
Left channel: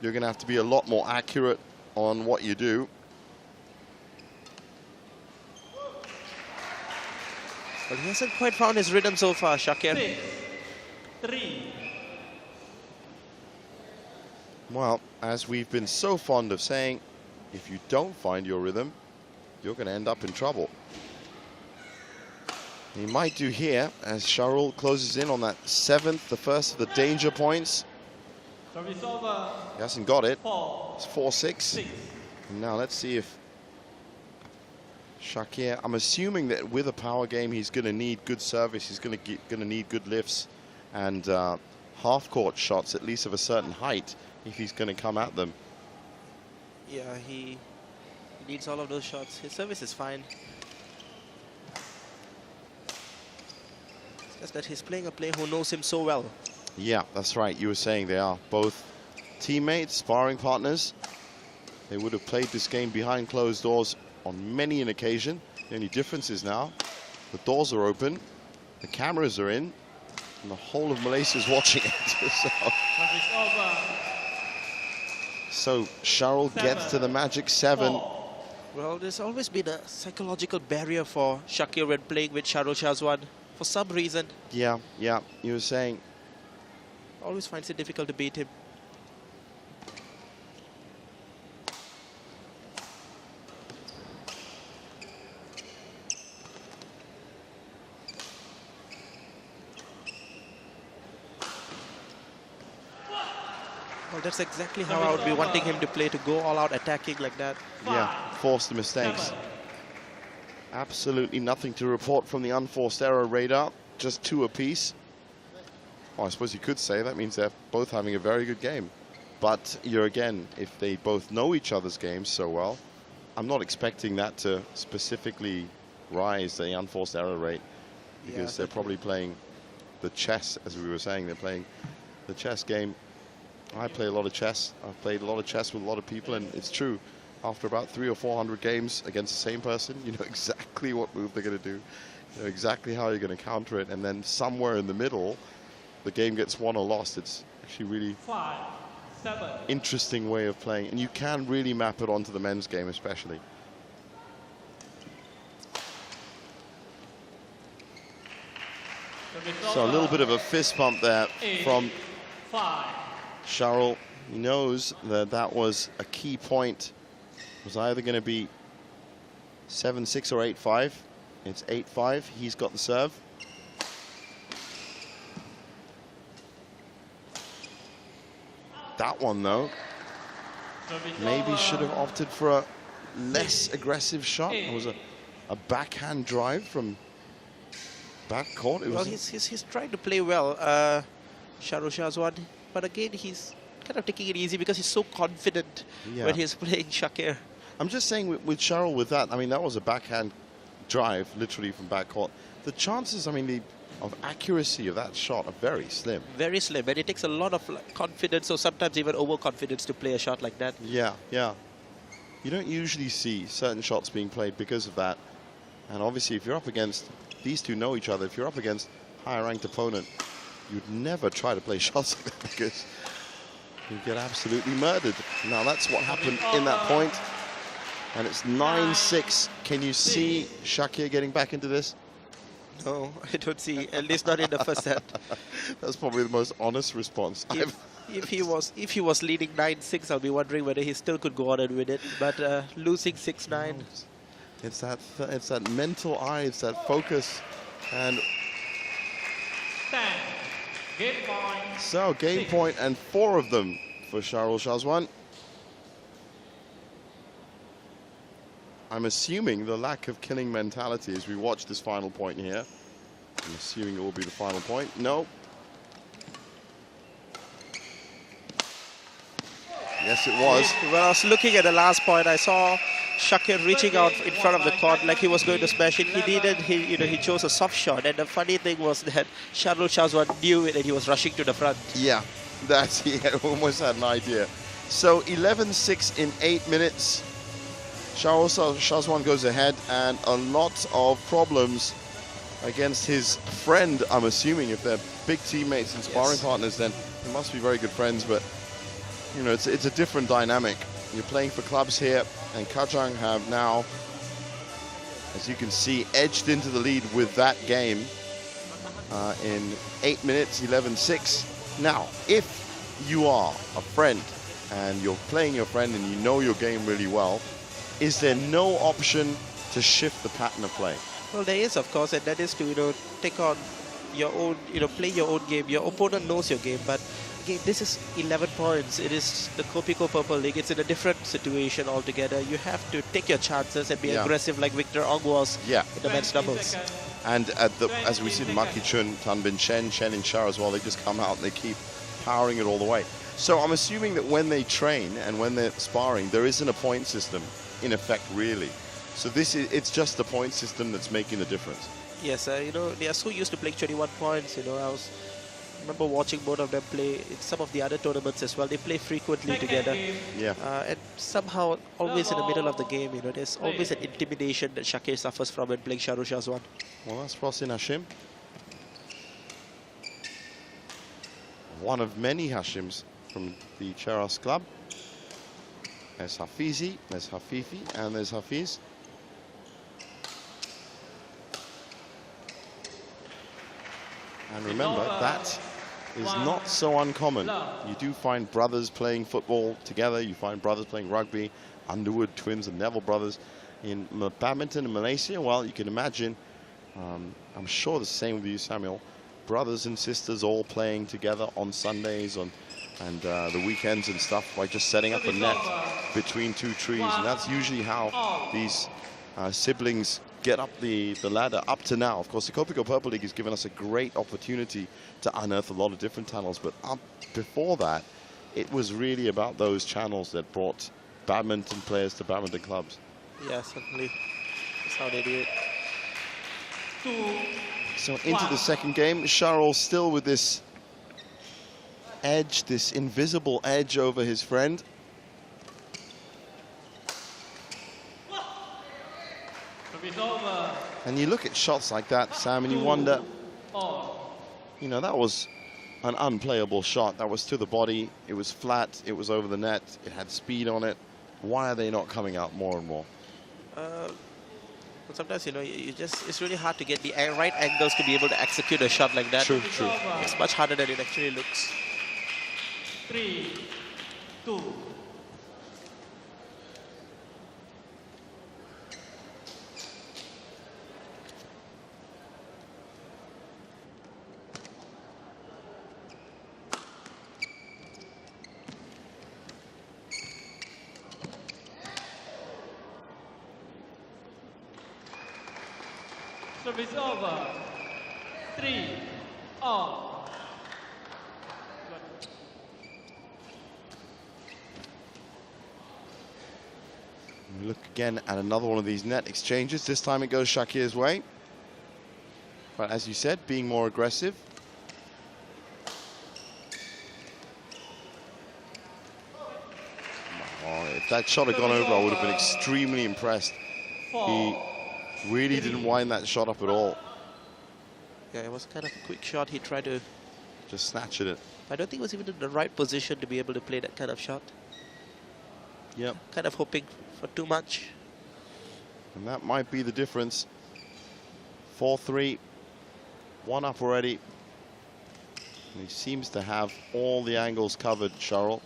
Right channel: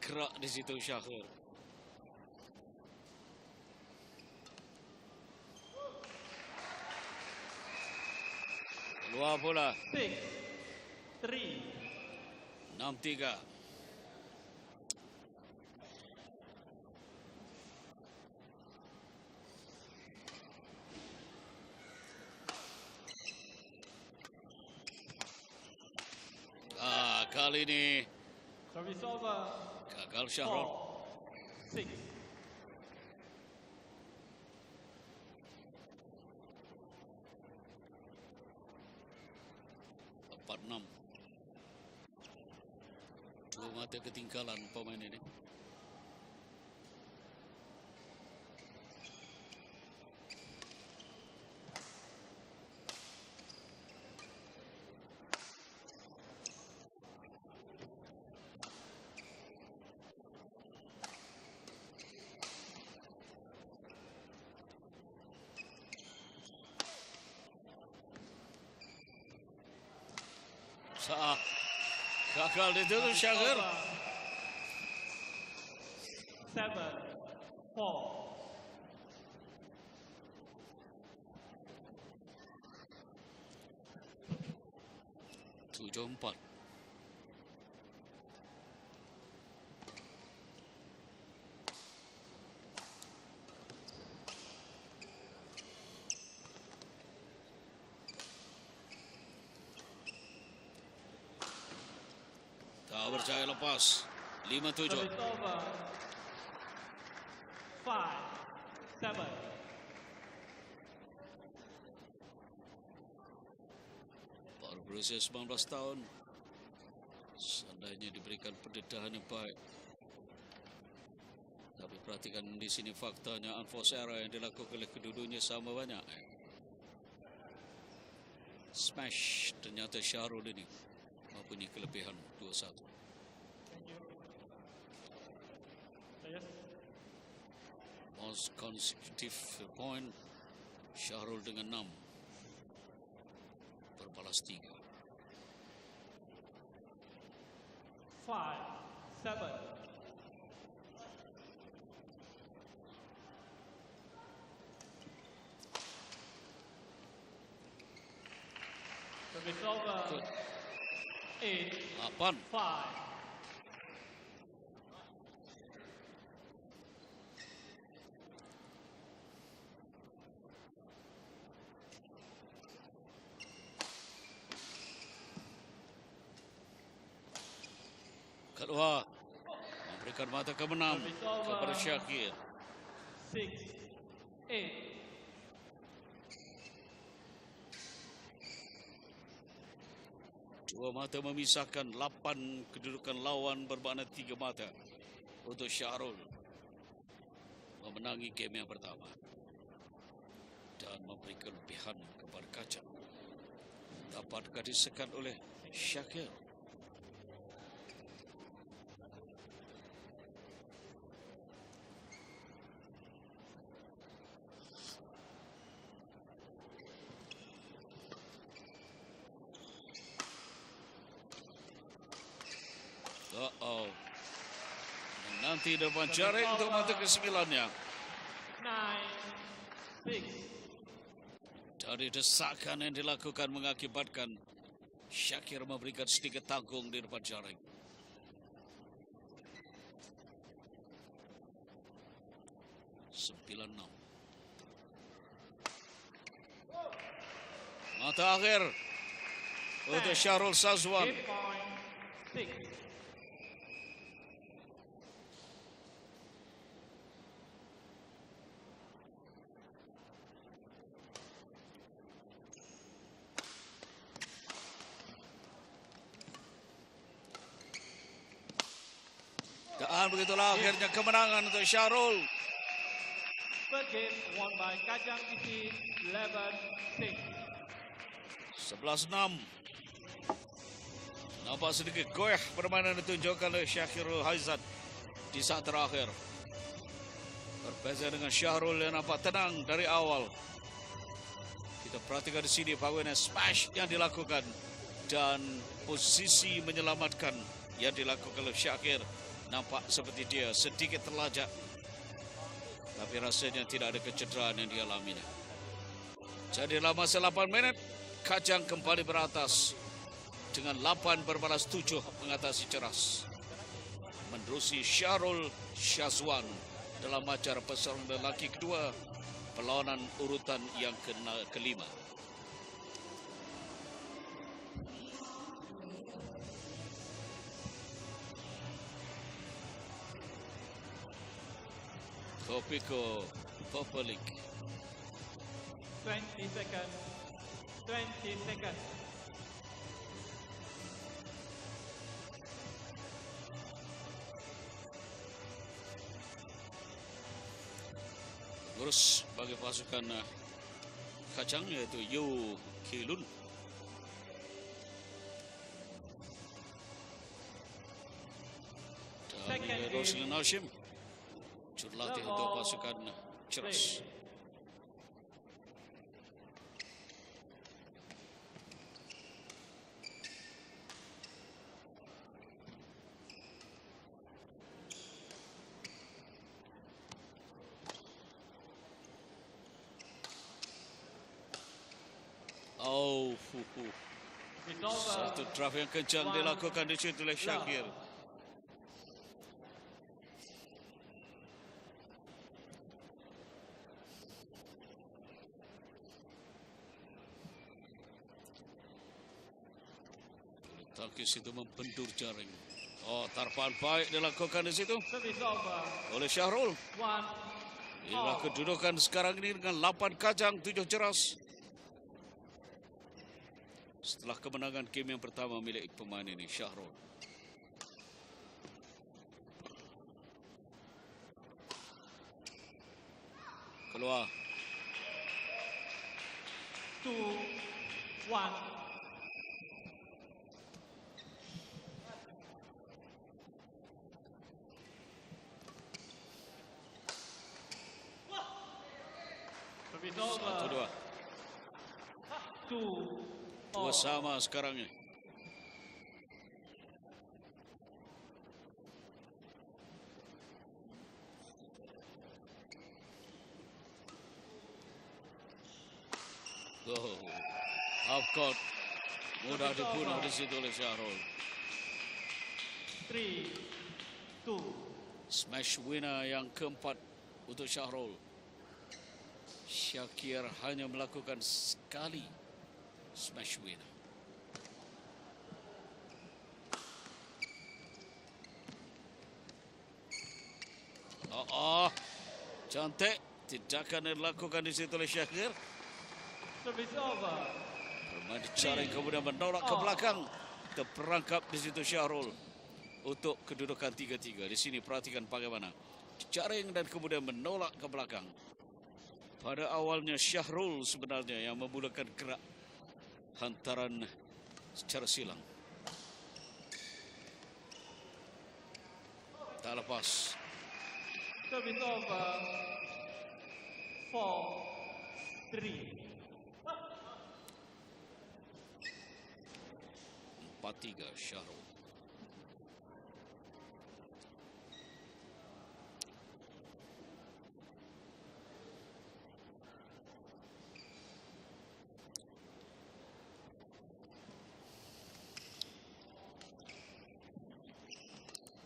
you're going to have to be a lot more accurate on what you do. But he hasn't quite found his rhythm so far, Shakir. 6-3. Well, as we've been so fond of saying, if you don't find your rhythm, you're going to end up in trouble. He might do here as Sharul closes in on that 7th, the first of the danger points. Service over. He hasn't got it. 4. It's 4-6. Now let's see if Shakir, I'm assuming that with a power game, he's going to need good service. He's going to need good lifts and half-court shots, at least of a certain height, if he's going to come at them. Yeah, he needs all of those shots. His service is fine. It's just that he's playing a player who knows him so well. Yeah, that's right. You were saying they are both teammates, sparring partners. They would have played this game behind closed doors on many an occasion. The only difference is now the doors are open, the cameras are in, and the whole of Malaysia is watching it. So Sharul gets to the magic 7. Well, there's always been a psychological barrier for Shakir when playing with Sharul Shahzwad. For some reason, Yeah, you were saying. always finds it difficult to beat him. Well, that's exactly how I would be wanting him to play, to go all out attacking like that. Yeah, force the mistakes. Absolutely nothing to report from the unforced error radar. Just 2 apiece. Oh, I suppose you could say that means they're both having a very good game. But again, if they both know each other's games so well, I'm not expecting that to specifically rise the unforced error rate, because they're probably playing the chess, as we were saying. They're playing the chess game. I play a lot of chess. I've played a lot of chess with a lot of people, and it's true. After about 300 or 400 games against the same person, you know exactly what move they're going to do. You know exactly how you're going to counter it, and then somewhere in the middle, the game gets won or lost. It's actually really 5, 7. interesting way of playing, and you can really map it onto the men's game especially. So a little bit of a fist bump there from Charles. He knows that that was a key point. It was either going to be 7-6 or 8-5. It's 8-5. He's got the serve. That one, though, maybe should have opted for a less aggressive shot. It was a backhand drive from back court. It Well, was he's trying to play well, Charles Shazwan, but again, he's kind of taking it easy because he's so confident when he's playing Shakir. I'm just saying with Charles, with that, I mean, that was a backhand drive, literally from back court. The chances, I mean, of accuracy of that shot are very slim. Very slim, and it takes a lot of confidence, or sometimes even overconfidence to play a shot like that. Yeah, yeah. You don't usually see certain shots being played because of that. And obviously, if you're up against, these two know each other, if you're up against a higher ranked opponent, you'd never try to play shots like that because you get absolutely murdered. Now, that's what happened in that point. And it's 9-6. Can you see Shakir getting back into this? Oh, I don't see, at least not in the first set. That's probably the most honest response. If he was leading 9-6, I'll be wondering whether he still could go on and win it. But losing 6-9. It's that mental eye, it's that focus. And so game point and 4 of them for Charles Shazwan. I'm assuming the lack of killing mentality as we watch this final point here. I'm assuming it will be the final point. No. Yes, it was. When I was looking at the last point, I saw Shakir reaching out in front of the court like he was going to smash it. He chose a soft shot. And the funny thing was that Charles Shazwan knew it and he was rushing to the front. Yeah, he almost had an idea. So 11-6 in 8 minutes. Charles Shazwan goes ahead, and a lot of problems against his friend, I'm assuming. If they're big teammates and sparring partners, then they must be very good friends. But, you know, it's a different dynamic. You're playing for clubs here, and Kajang have now, as you can see, edged into the lead with that game in 8 minutes, 11-6. Now, if you are a friend and you're playing your friend and you know your game really well, is there no option to shift the pattern of play? Well, there is, of course, and that is to, take on your own, play your own game. Your opponent knows your game, but again, this is 11 points. It is the Kopiko Purple League. It's in a different situation altogether. You have to take your chances and be aggressive like Victor Ong was in the men's doubles. And as we see the Maki Chun, Tan Bin Chen and Cheras as well, they just come out and they keep powering it all the way. So I'm assuming that when they train and when they're sparring, there isn't a point system in effect, really. So it's just the point system that's making a difference. Yes, they are so used to playing 21 points. I remember watching both of them play in some of the other tournaments as well. They play frequently together. And somehow, always in the middle of the game, there's always an intimidation that Shakir suffers from when playing Charles Shazwan. Well, that's Frosin Hashim. One of many Hashims from the Cheras club. There's Hafizi, there's Hafifi, and there's Hafiz. And remember, that is not so uncommon. You do find brothers playing football together. You find brothers playing rugby. Underwood twins and Neville brothers. In badminton in Malaysia, well, you can imagine, I'm sure the same with you, Samuel, brothers and sisters all playing together on Sundays and the weekends and stuff, by just setting up a net between 2 trees. And that's usually how these siblings get up the ladder. Up to now, of course, the Kopiko Purple League has given us a great opportunity to unearth a lot of different channels. But up before that, it was really about those channels that brought badminton players to badminton clubs. Yeah, certainly. That's how they do it. So into the second game, Charles still with this edge, this invisible edge over his friend. And you look at shots like that, Sam, and you wonder, that was an unplayable shot. That was to the body, it was flat, it was over the net, it had speed on it. Why are they not coming out more and more? Sometimes, you know, it's really hard to get the right angles to be able to execute a shot like that. True. It's much harder than it actually looks. 3-2. Smash winner yang keempat untuk Syahrul. Shakir hanya melakukan sekali smash win. Cantik, tidak akan dilakukan di situ oleh Shakir. Service over. Kemudian mendorong ke belakang, terperangkap di situ Syahrul untuk kedudukan 3-3. Di sini perhatikan bagaimana jaring dan kemudian menolak. Look again at another one of these net exchanges. This time it goes Shakir's way. But as you said, being more aggressive. Secara silang. Oh, if that shot had gone over, I would have been extremely impressed. He really didn't wind that shot up at all. Yeah, it was kind of a quick shot. He tried to just snatch it. I don't think he was even in the right position to be able to play that kind of shot. Yep. Kind of hoping for too much. And that might be the difference. 4-3, one up already. And he seems to have all the angles covered, Sharul.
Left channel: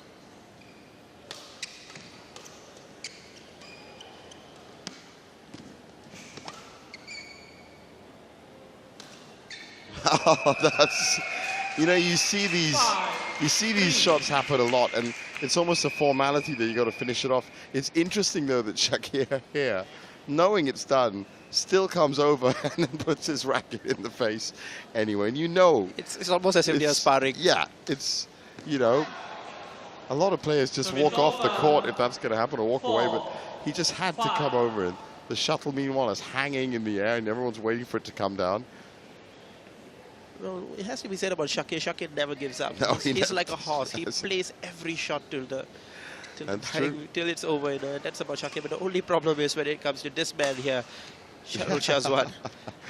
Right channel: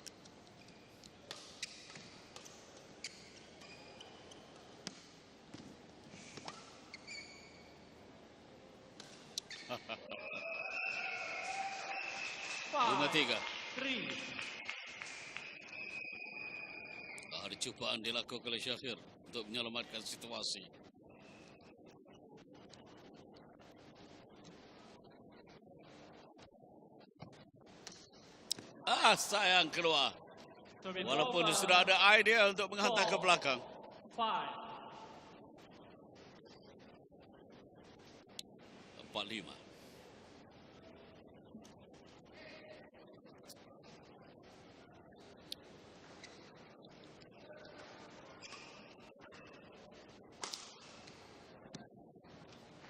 Oh, that's, you know, you see these shots happen a lot, and it's almost a formality that you got to finish it off. It's interesting though that Shakir here, knowing it's done, still comes over and then puts his racket in the face anyway. And you know, it's almost as if they're sparring. Yeah, it's, you know, a lot of players just walk off the court if that's going to happen, or walk away. But he just had to come over, and the shuttle meanwhile is hanging in the air, and everyone's waiting for it to come down. Well, it has to be said about Shakir. Shakir never gives up. No, he's like a horse. He plays every shot till it's over. You know, that's about Shakir. But the only problem is when it comes to this man here, Sharul Shazwan.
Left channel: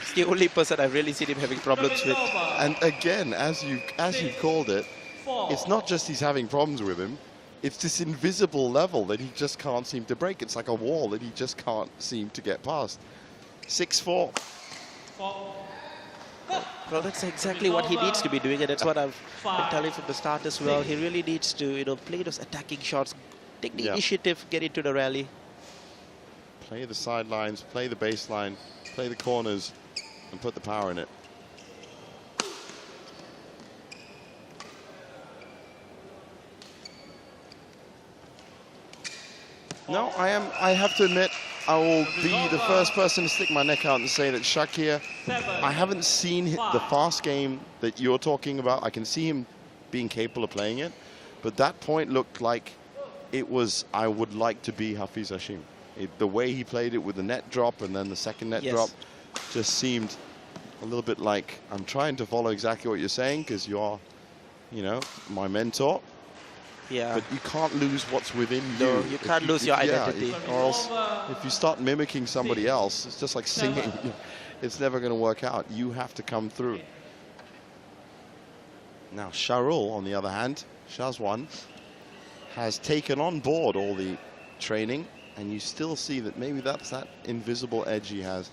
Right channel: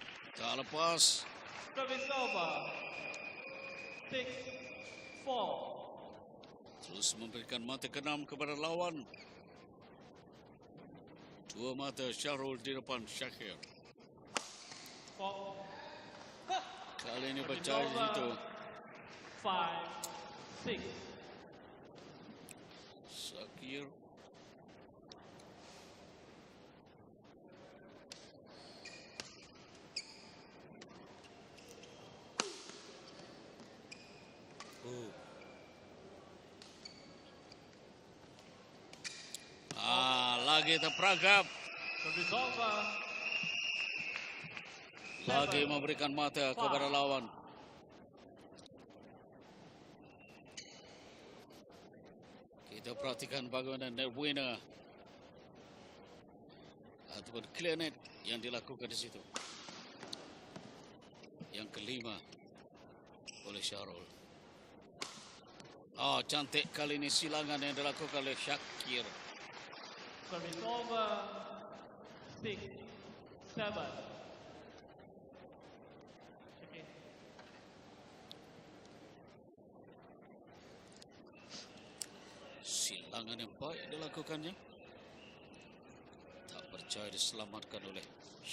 It's the only person I've really seen him having problems with. And again, as you called it, it's not just he's having problems with him. It's this invisible level that he just can't seem to break. It's like a wall that he just can't seem to get past. 6-4. Well, that's exactly what he needs to be doing, and that's what I've been telling from the start as well. He really needs to, you know, play those attacking shots, take the initiative, get into the rally. Play the sidelines, play the baseline, play the corners, and put the power in it. No, I have to admit, I will be the first person to stick my neck out and say that Shakir, I haven't seen the fast game that you're talking about. I can see him being capable of playing it, but that point looked like it was, I would like to be Hafiz Hashim. The way he played it with the net drop and then the second net drop just seemed a little bit like, I'm trying to follow exactly what you're saying because you're, you know, my mentor. Yeah. But you can't lose what's within you. No, you can't lose your identity. Or else, if you start mimicking somebody else, it's just like singing. It's never going to work out. You have to come through. Now, Sharul, on the other hand, Shazwan, has taken on board all the training, and you still see that maybe that's that invisible edge he has.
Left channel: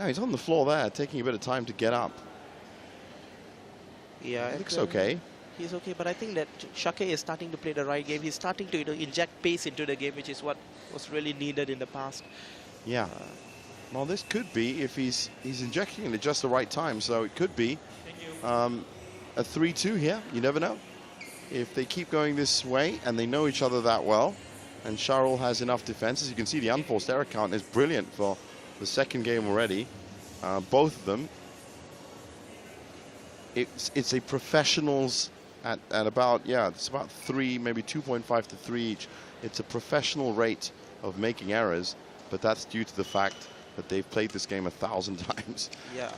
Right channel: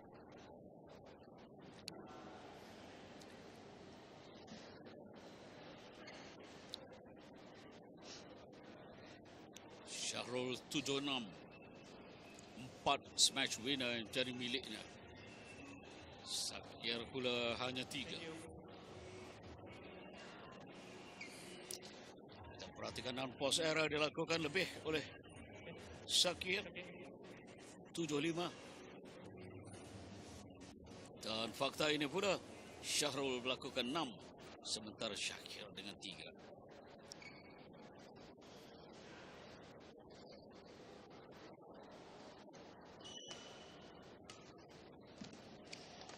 Now, he's on the floor there, taking a bit of time to get up. Yeah, it looks okay. He's okay, but I think that Shakir is starting to play the right game. He's starting to, you know, inject pace into the game, which is what was really needed in the past. Yeah. Well, this could be if he's injecting it at just the right time. So it could be a 3-2 here. You never know. If they keep going this way and they know each other that well, and Sharul has enough defense, as you can see, the unforced error count is brilliant for the second game already. Both of them. It's a professionals at about, it's about 3, maybe 2.5 to 3 each. It's a professional rate of making errors, but that's due to the fact that they've played this game 1,000 times. Yeah.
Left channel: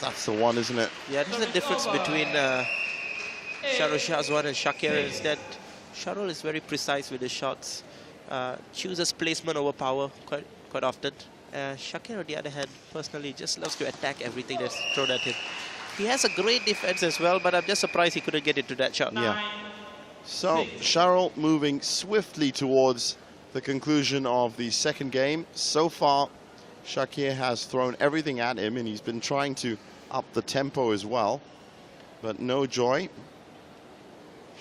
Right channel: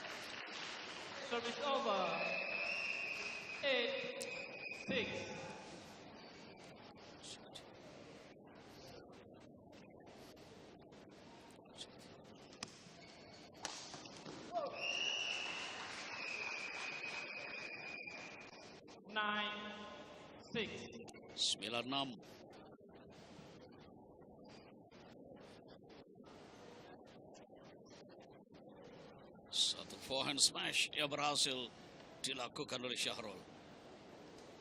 That's the one, isn't it? Yeah, that's the difference between Sharul Shazwan and Shakir is that Sharul is very precise with his shots, chooses placement over power quite often. Shakir, on the other hand, personally just loves to attack everything that's thrown at him. He has a great defense as well, but I'm just surprised he couldn't get into that shot. Yeah. So Sharul moving swiftly towards the conclusion of the second game. So far, Shakir has thrown everything at him, and he's been trying to up the tempo as well, but no joy.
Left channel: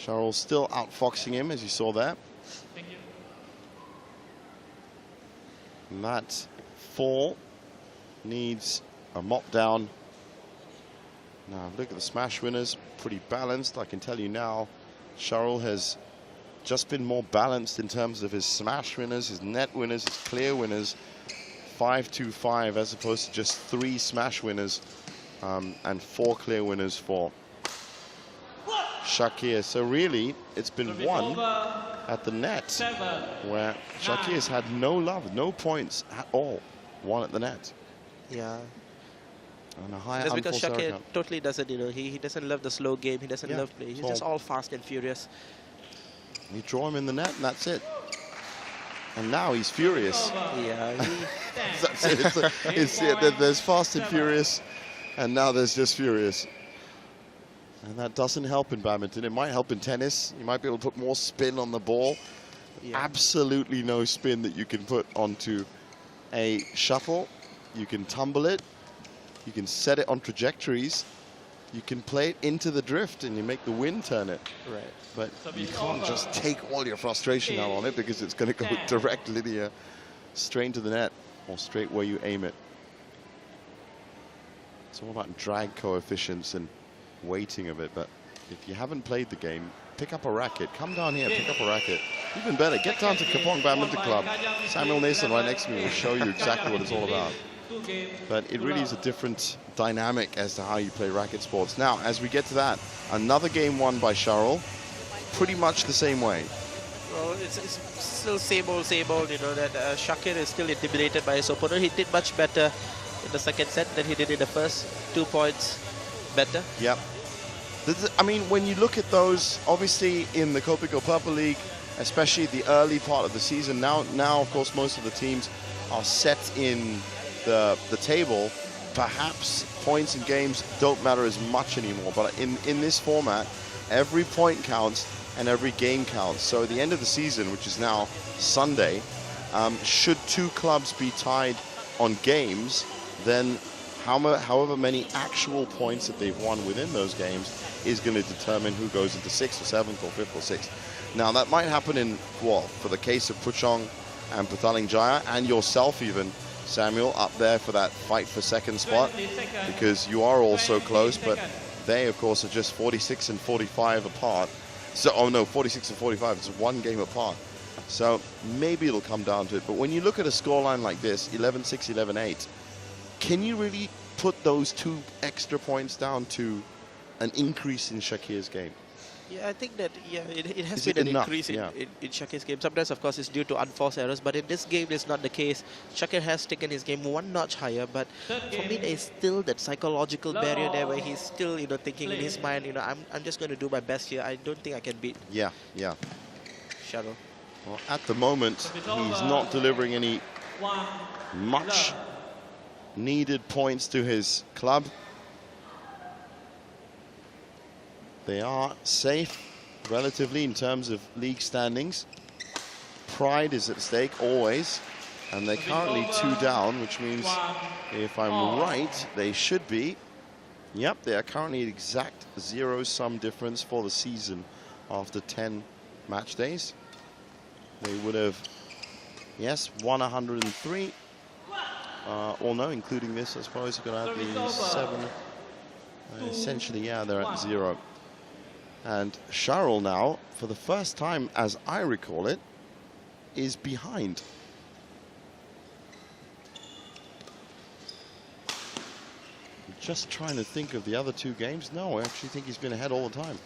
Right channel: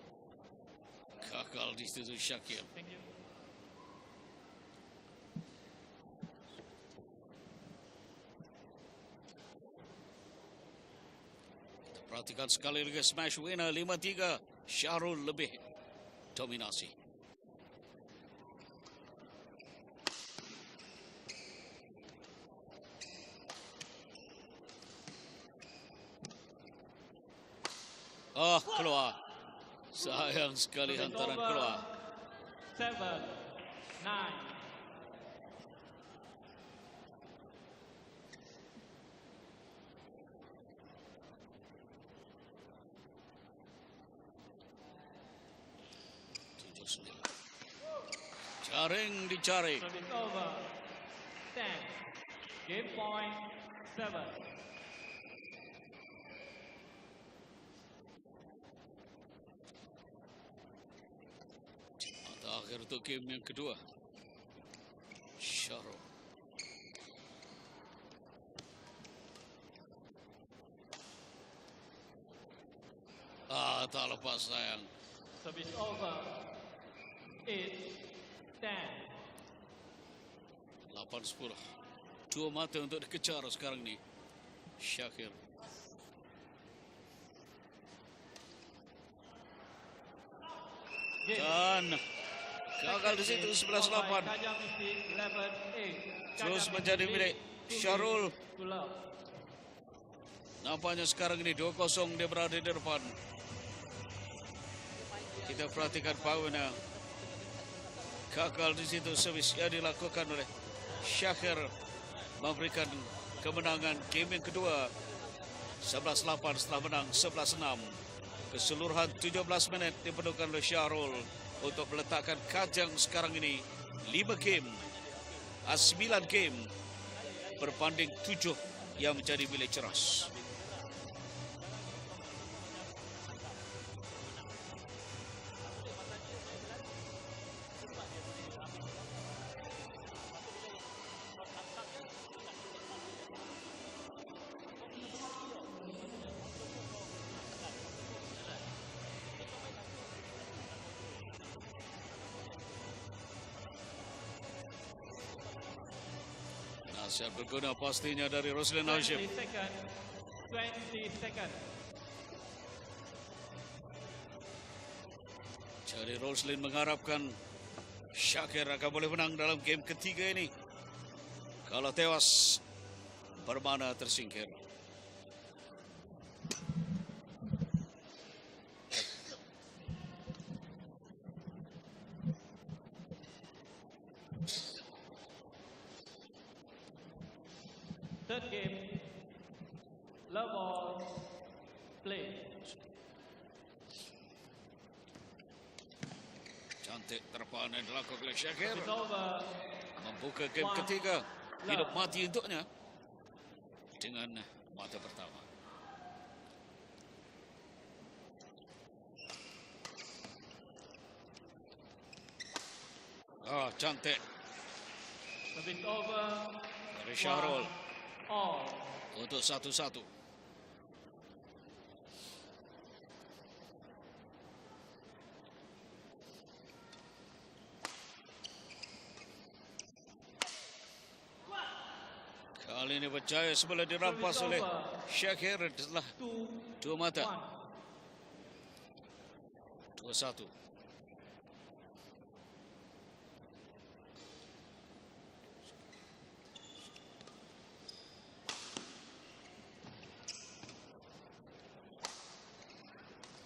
Sharul still outfoxing him, as you saw there. And that fall needs a mop down. Now look at the smash winners, pretty balanced. I can tell you now, Sharul has just been more balanced in terms of his smash winners, his net winners, his clear winners. 5-2-5 as opposed to just 3 smash winners and 4 clear winners for Shakir. So really, it's been won at the net, where Shakir's had no love, no points at all. Won at the net. Yeah. On a high That's because unforced error Shakir count. totally doesn't, he doesn't love the slow game. He doesn't love play. He's just all fast and furious. You draw him in the net, and that's it. And now he's furious. Yeah. That's it. There's fast and furious, and now there's just furious. And that doesn't help in badminton. It might help in tennis. You might be able to put more spin on the ball. Absolutely no spin that you can put onto a shuttle. You can tumble it. You can set it on trajectories. You can play it into the drift, and you make the wind turn it. Right. But you can't just take all your frustration out on it, because it's going to go direct linear straight into the net, or straight where you aim it. It's all about drag coefficients and weighting of it. But if you haven't played the game, pick up a racket. Come down here, pick up a racket. Even better, get down to Kapong Badminton Club. Samuel Nason right next to me will show you exactly what it's all about. But it really is a different dynamic as to how you play racket sports. Now, as we get to that, another game won by Sharul, pretty much the same way. Well, it's still same old, that Shakir is still intimidated by his opponent. He did much better in the second set than he did in the first. 2 points better. Yeah. I mean, when you look at those, obviously in the Kopiko Purple League, especially the early part of the season, now of course most of the teams are set in the table. Perhaps points in games don't matter as much anymore, but in this format, every point counts and every game counts. So at the end of the season, which is now Sunday, should 2 clubs be tied on games, then however many actual points that they've won within those games is going to determine who goes into 6th or 7th or 5th or 6th. Now that might happen in, well, for the case of Puchong and Petaling Jaya, and yourself even, Samuel, up there for that fight for second spot, because you are all so close, but they of course are just 46 and 45 apart. So, oh no, 46 and 45, it's 1 game apart. So maybe it'll come down to it. But when you look at a scoreline like this, 11-6, 11-8, can you really put those 2 extra points down to an increase in Shakir's game? Yeah, I think that it has been an increase in Shakir's game. Sometimes, of course, it's due to unforced errors, but in this game, it's not the case. Shakir has taken his game 1 notch higher, but for me, there is still that psychological barrier there where he's still, thinking in his mind, I'm just going to do my best here. I don't think I can beat. Yeah. Sharul. Well, at the moment, he's not delivering any much needed points to his club. They are safe, relatively, in terms of league standings. Pride is at stake, always. And they're currently 2 down, which means, if I'm right, they should be. Yep, they are currently at exact 0-sum difference for the season after 10 match days. They would have, yes, won 103. Or no, including this, I suppose, they're at the 7. Essentially, yeah, they're at 0. And Sharul now, for the first time, as I recall it, is behind. Just trying to think of the other 2 games. No, I actually think he's been ahead all the time.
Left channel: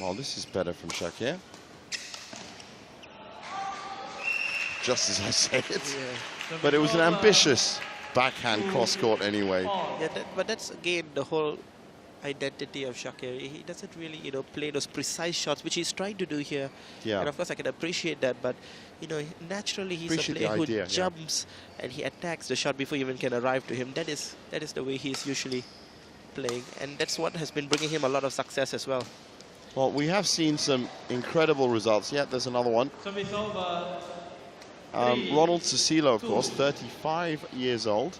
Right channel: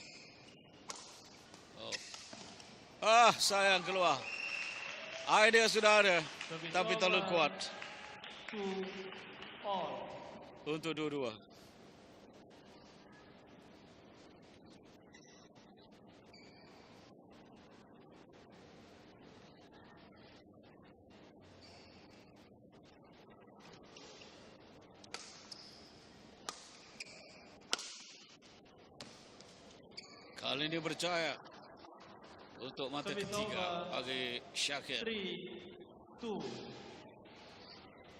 Well, this is better from Shakir. Sayang keluar. Just as I said. But it was an ambitious backhand cross-court anyway. Yeah, but that's again the whole identity of Shakir. He doesn't really, play those precise shots, which he's trying to do here. Yeah. And of course, I can appreciate that, but, naturally he's Appreciate a player the idea, who yeah. jumps and he attacks the shot before you even can arrive to him. That is the way he's usually playing, and that's what has been bringing him a lot of success as well. Well, we have seen some incredible results. Yeah, there's another one. Service over. Ronald Cecilo, of course, 35 years old,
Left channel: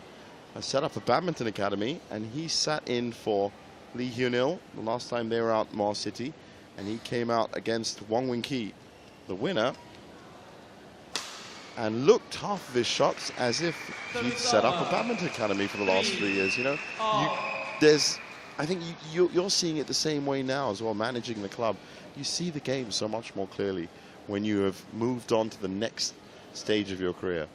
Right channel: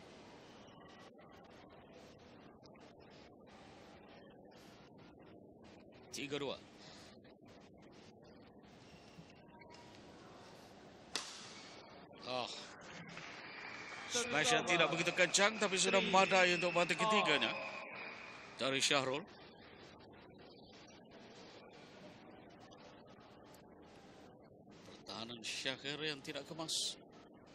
has set up a badminton academy, and he sat in for Lee Hyun-il the last time they were out in Mars City, and he came out against Wang Wing-ki, the winner, and looked half of his shots as if he'd set up a badminton academy for the last 3 years. I think you're seeing it the same way now as well, managing the club. You see the game so much more clearly when you have moved on to the next stage of your career.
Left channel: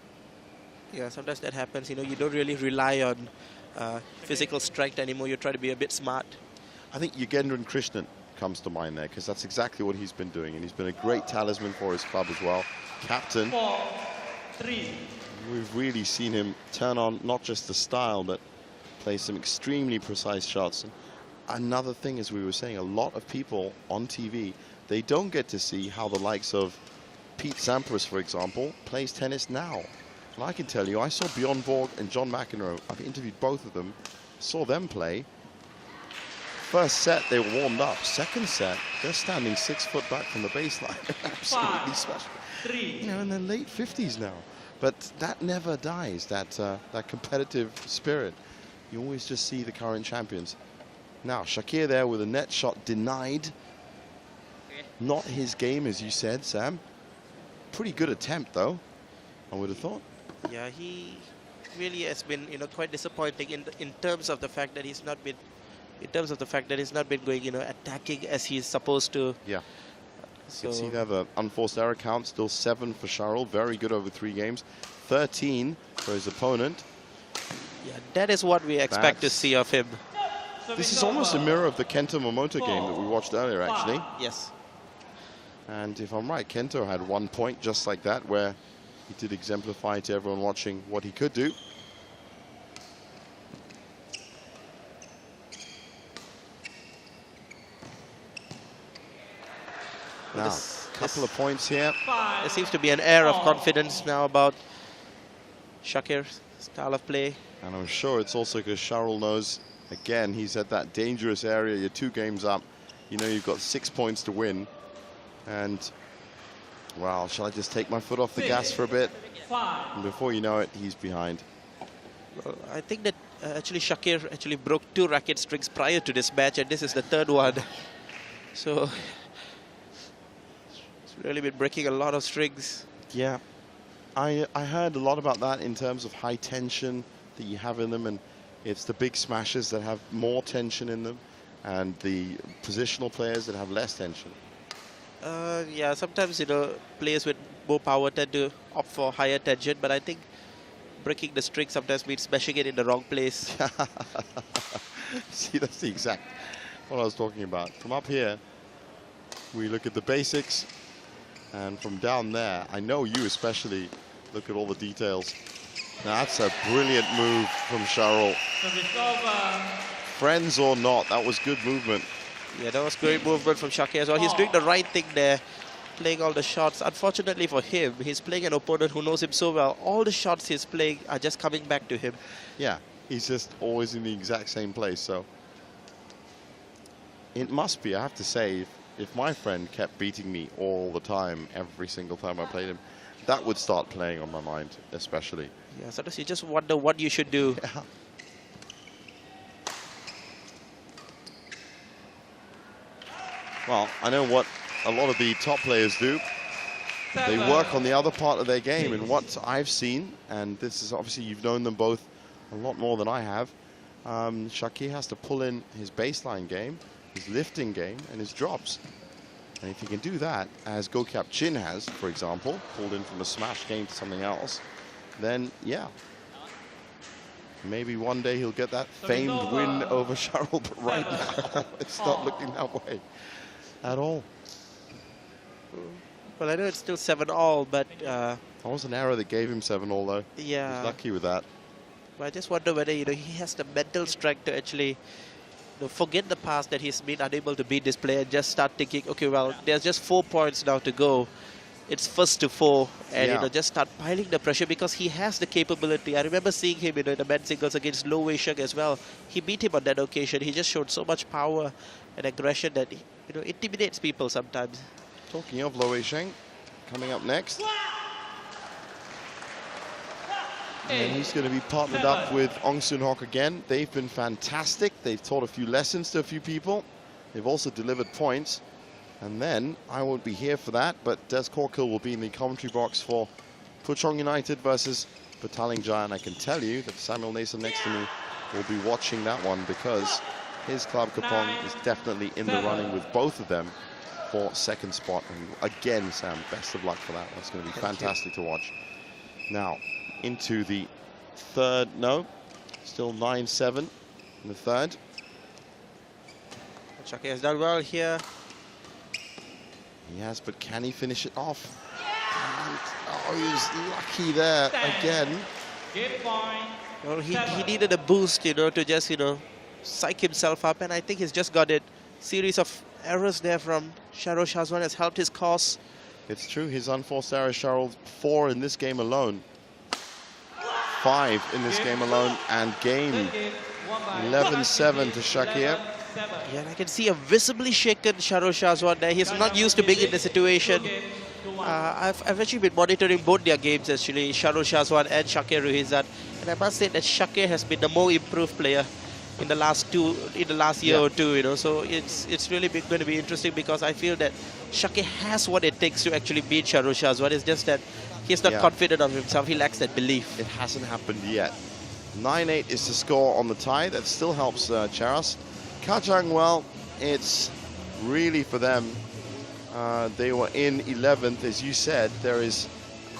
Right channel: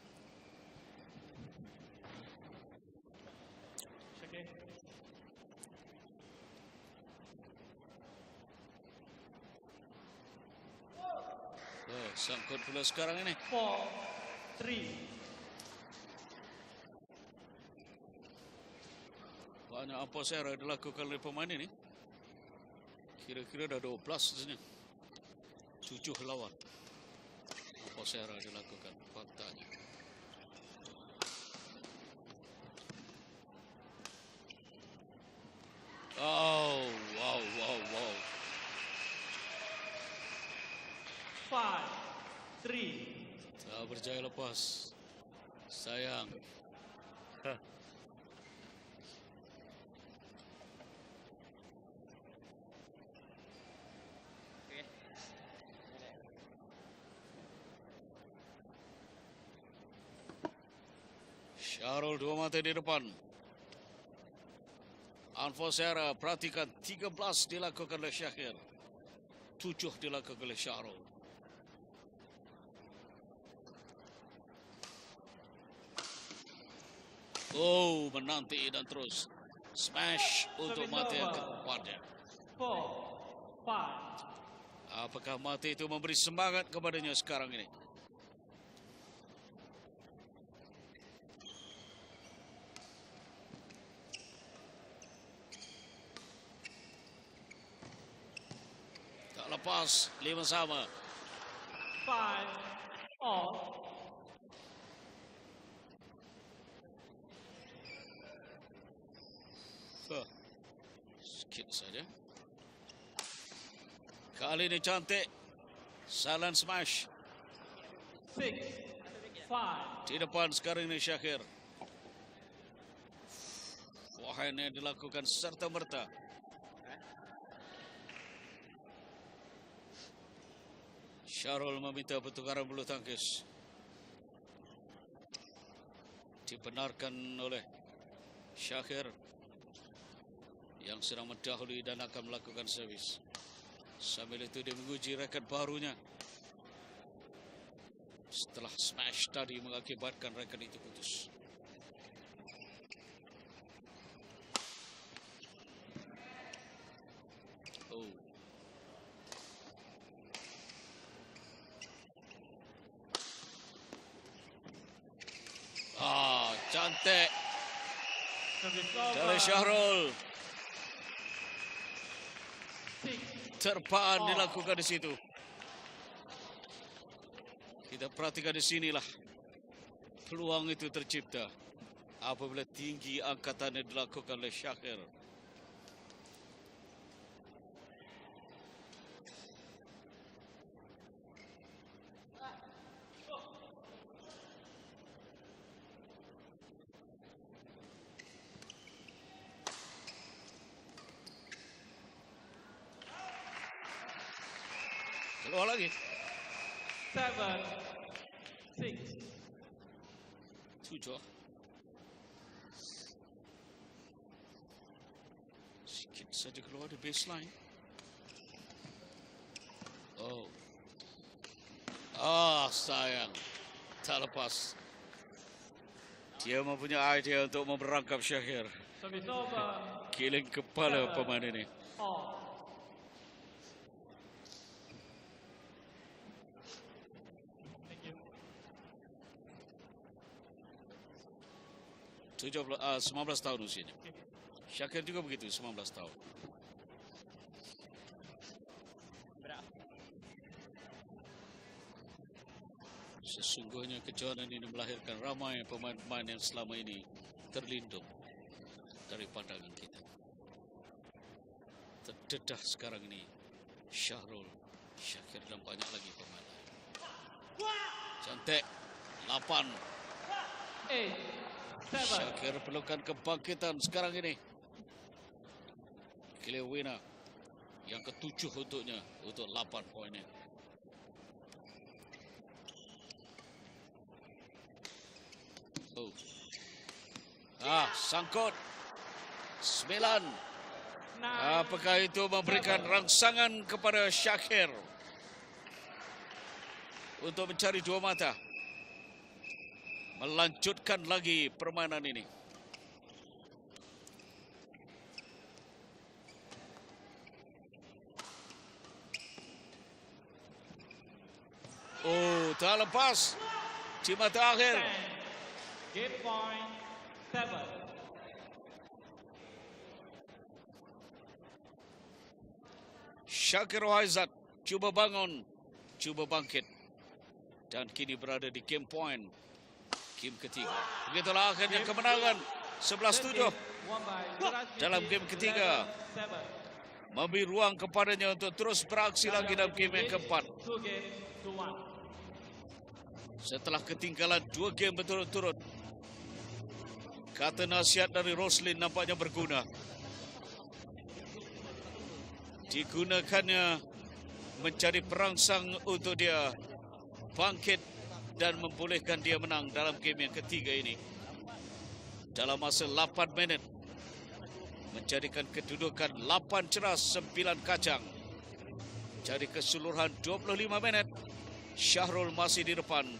Yeah, sometimes that happens. You don't really rely on physical strength anymore. You try to be a bit smart. I think Yugendran Krishnan comes to mind there, because that's exactly what he's been doing, and he's been a great talisman for his club as well. Captain. 4-3. We've really seen him turn on not just the style, but play some extremely precise shots. Another thing, as we were saying, a lot of people on TV, they don't get to see how the likes of Pete Sampras, for example, plays tennis now. And I can tell you, I saw Bjorn Borg and John McEnroe. I've interviewed both of them, saw them play. First set, they were warmed up. Second set, they're standing 6 foot back from the baseline. Absolutely special. 3. In their late 50s now. But that never dies, that competitive spirit. You always just see the current champions. Now, Shakir there with a net shot denied. Not his game, as you said, Sam. Pretty good attempt, though, I would have thought. Yeah, he really has been quite disappointing in terms of the fact that he's not been going attacking as he's supposed to. Yeah. So you see there the unforced error count, still 7 for Charles, very good over 3 games, 13 for his opponent. That is what we expect to see of him. This is almost a mirror of the Kento Momoto game that we watched earlier, actually. Yes. And if I'm right, Kento had 1 point just like that, where he did exemplify to everyone watching what he could do. Now, a couple of points here. There seems to be an air of confidence now about Shakir's style of play. And I'm sure it's also because Charles knows, again, he's at that dangerous area. You're 2 games up. You know you've got 6 points to win. And, well, shall I just take my foot off the gas for a bit? And before you know it, he's behind. Well, I think that actually Shakir actually broke 2 racket streaks prior to this match, and this is the 3rd one. So it's really been breaking a lot of strings. Yeah, I heard a lot about that in terms of high tension that you have in them, and it's the big smashes that have more tension in them, and the positional players that have less tension. Yeah, sometimes players with more power tend to opt for higher tension, but I think breaking the streak sometimes means smashing it in the wrong place. See, that's the exact what I was talking about. From up here, we look at the basics, and from down there, I know you especially look at all the details. Now, that's a brilliant move from Charles. Friends or not, that was good movement. Yeah, that was great movement from Shakir as well. He's doing the right thing there, playing all the shots. Unfortunately for him, he's playing an opponent who knows him so well. All the shots he's playing are just coming back to him. Yeah, he's just always in the exact same place. So it must be, I have to say, if my friend kept beating me all the time, every single time I played him, that would start playing on my mind, especially. Yeah, sometimes you just wonder what you should do. Yeah. Well, I know what a lot of the top players do. They work on the other part of their game, and what I've seen, and this is obviously, you've known them both a lot more than I have, Shakir has to pull in his baseline game, his lifting game, and his drops. And if he can do that, as Gokyap Chin has, for example, pulled in from a smash game to something else, then, yeah, maybe one day he'll get that famed win over Charles, but right now, it's not looking that way at all. Well, I know it's still 7-all, but... that was an error that gave him 7-all, though. Yeah. He's lucky with that. But I just wonder whether he has the mental strength to actually forget the past that he's been unable to beat this player and just start thinking, okay, well, there's just 4 points now to go. It's first to 4, and just start piling the pressure because he has the capability. I remember seeing him in the men's singles against Low Wei Sheng as well. He beat him on that occasion. He just showed so much power and aggression that intimidates people sometimes. Talking of Low Wei Sheng, coming up next. And he's going to be partnered up with Ong Soon Hock again. They've been fantastic. They've taught a few lessons to a few people. They've also delivered points. And then, I won't be here for that, but Des Corkill will be in the commentary box for Puchong United versus Petaling Jaya. And I can tell you that Samuel Nason next to me will be watching that one because his club, Kapong, is definitely in the running with both of them for second spot. And again, Sam, best of luck for that. It's going to be fantastic to watch. Now, into the third, no, still 9-7 in the third. Shakir has done well here. He has, but can he finish it off? Oh, he's lucky there again. Well, he needed a boost, to just, psych himself up, and I think he's just got it. Series of errors there from Sharo Shazwan has helped his cause. It's true, his unforced errors, Cheryl, 4 in this game alone. 5 in this game alone, and game 11-7 to Shakir. Yeah, and I can see a visibly shaken Sharo Shazwan there. He's not used to being in the situation. I've actually been monitoring both their games, actually, Sharo Shazwan and Shakir Ruhizat. And I must say that Shakir has been the more improved player in the last year or two, So it's really going to be interesting because I feel that Shakir has what it takes to actually beat Sharo Shazwan. It's just that he's not confident of himself. He lacks that belief. It hasn't happened yet. 9-8 is the score on the tie. That still helps Cheras. Kajang, well, it's really for them. They were in 11th, as you said. There is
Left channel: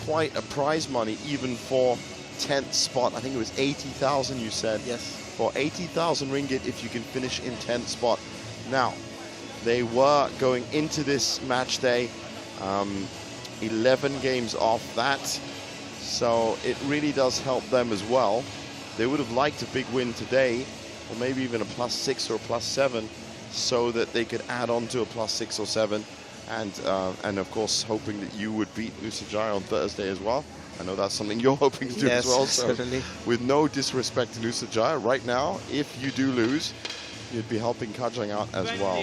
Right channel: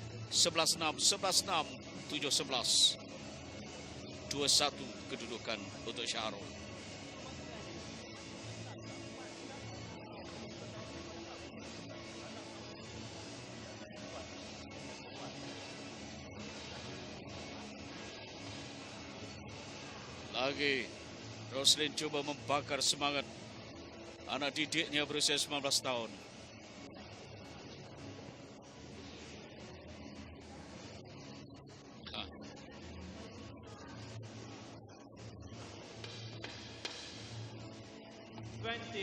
quite a prize money, even for 10th spot. I think it was 80,000, you said. Yes. For 80,000 ringgit if you can finish in 10th spot. Now, they were going into this match day 11 games off that. So it really does help them as well. They would have liked a big win today, or maybe even a +6 or a +7, so that they could add on to a +6 or 7, and of course hoping that you would beat Nusa Jaya on Thursday as well. I know that's something you're hoping to do as well. So certainly. With no disrespect to Nusa Jaya, right now, if you do lose, you'd be helping Kajang out as well.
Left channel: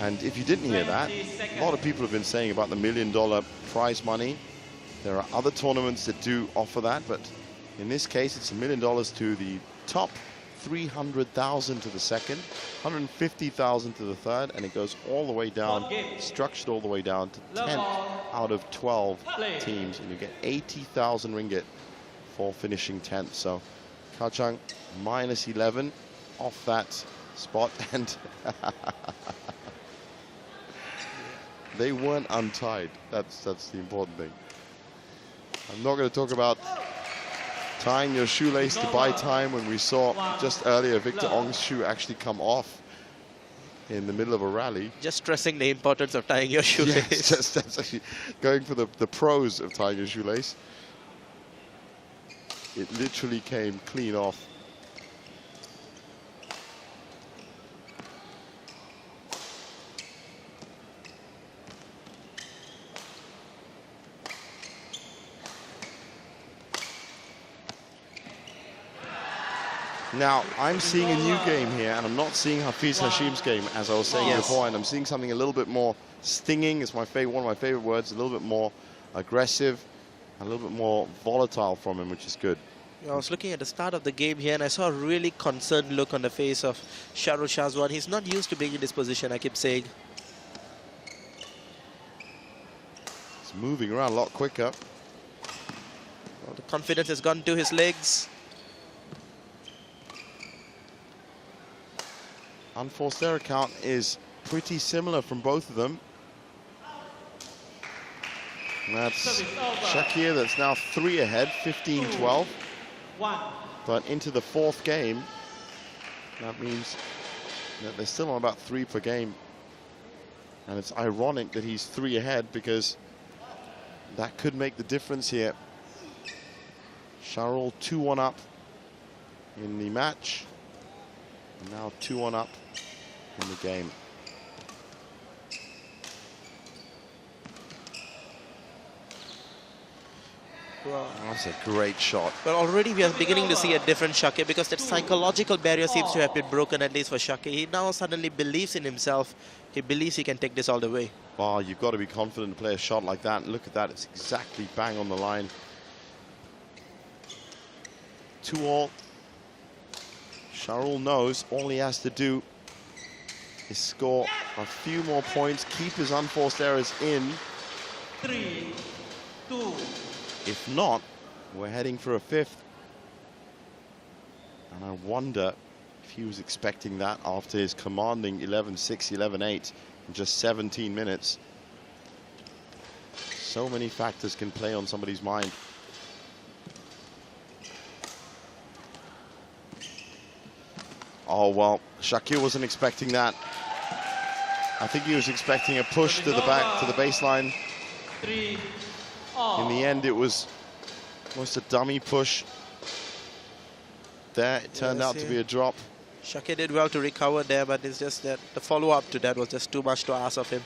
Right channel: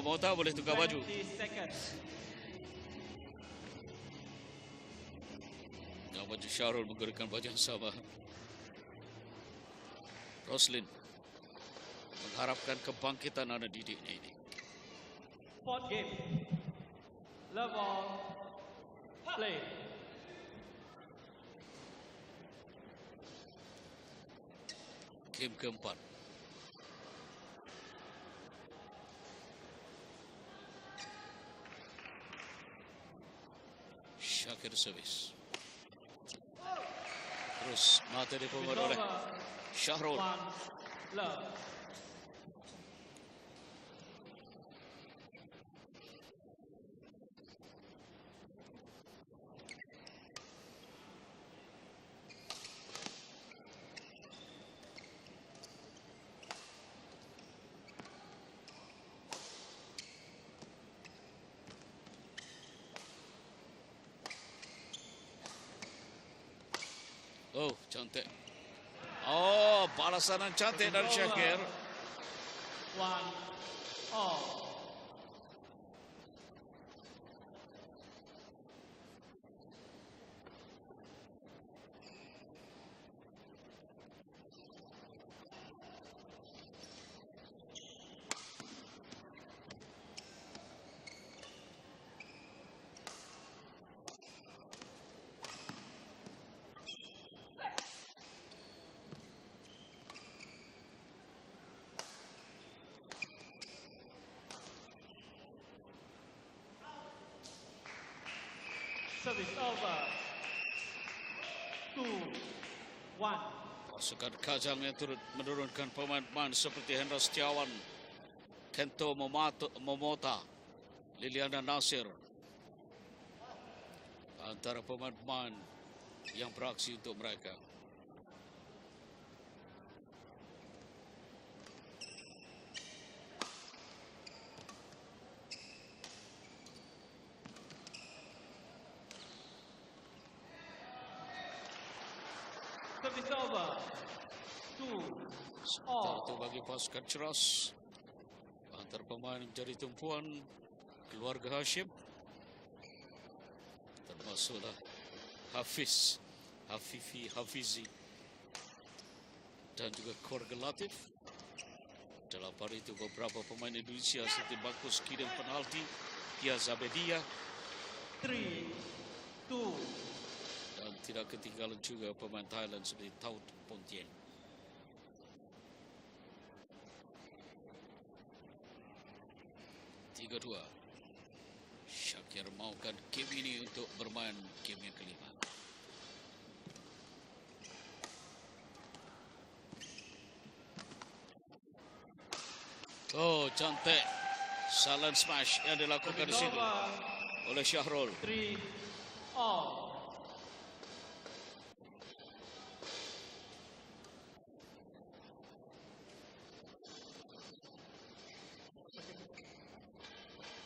And if you didn't hear that, a lot of people have been saying about the $1 million prize money. There are other tournaments that do offer that, but in this case, it's $1 million to the top, 300,000 to the second, 150,000 to the third, and it goes all the way down, structured all the way down to 10 out of 12 teams, and you get 80,000 ringgit for finishing 10th. So Kajang -11 off that spot, and they weren't untied. That's the important thing. I'm not going to talk about tying your shoelace to buy time when we saw just earlier Victor Ong's shoe actually come off in the middle of a rally. Just stressing the importance of tying your shoelace. Yes, that's actually going for the pros of tying your shoelace. It literally came clean off. Now, I'm seeing a new game here, and I'm not seeing Hafiz Hashim's game, as I was saying before, and I'm seeing something a little bit more stinging. It's one of my favorite words, a little bit more aggressive, a little bit more volatile from him, which is good. I was looking at the start of the game here, and I saw a really concerned look on the face of Sharo Shazwan. He's not used to being in this position, I keep saying. He's moving around a lot quicker. Well, the confidence has gone to his legs. Unforced error count is pretty similar from both of them. And that's Shakir, that's now 3 ahead, 15-12. But into the 4th game, that means that they're still on about 3 per game. And it's ironic that he's 3 ahead because that could make the difference here. Sharul 2-1 up in the match. And now 2-1 up in the game. Wow. That's a great shot. But already we are beginning to see a different Shakir because that psychological barrier seems to have been broken, at least for Shakir. He now suddenly believes in himself. He believes he can take this all the way. Wow, you've got to be confident to play a shot like that. Look at that, it's exactly bang on the line. 2-all. Sharul knows all he has to do is score a few more points, keep his unforced errors in. 3, 2. If not, we're heading for a fifth. And I wonder if he was expecting that after his commanding 11-6, 11-8 in just 17 minutes. So many factors can play on somebody's mind. Oh, well, Shakir wasn't expecting that. I think he was expecting a push to the back, to the baseline. 3. In the end, it was almost a dummy push. There, it turned out to be a drop. Shakir did well to recover there, but it's just that the follow-up to that was just too much to ask of him.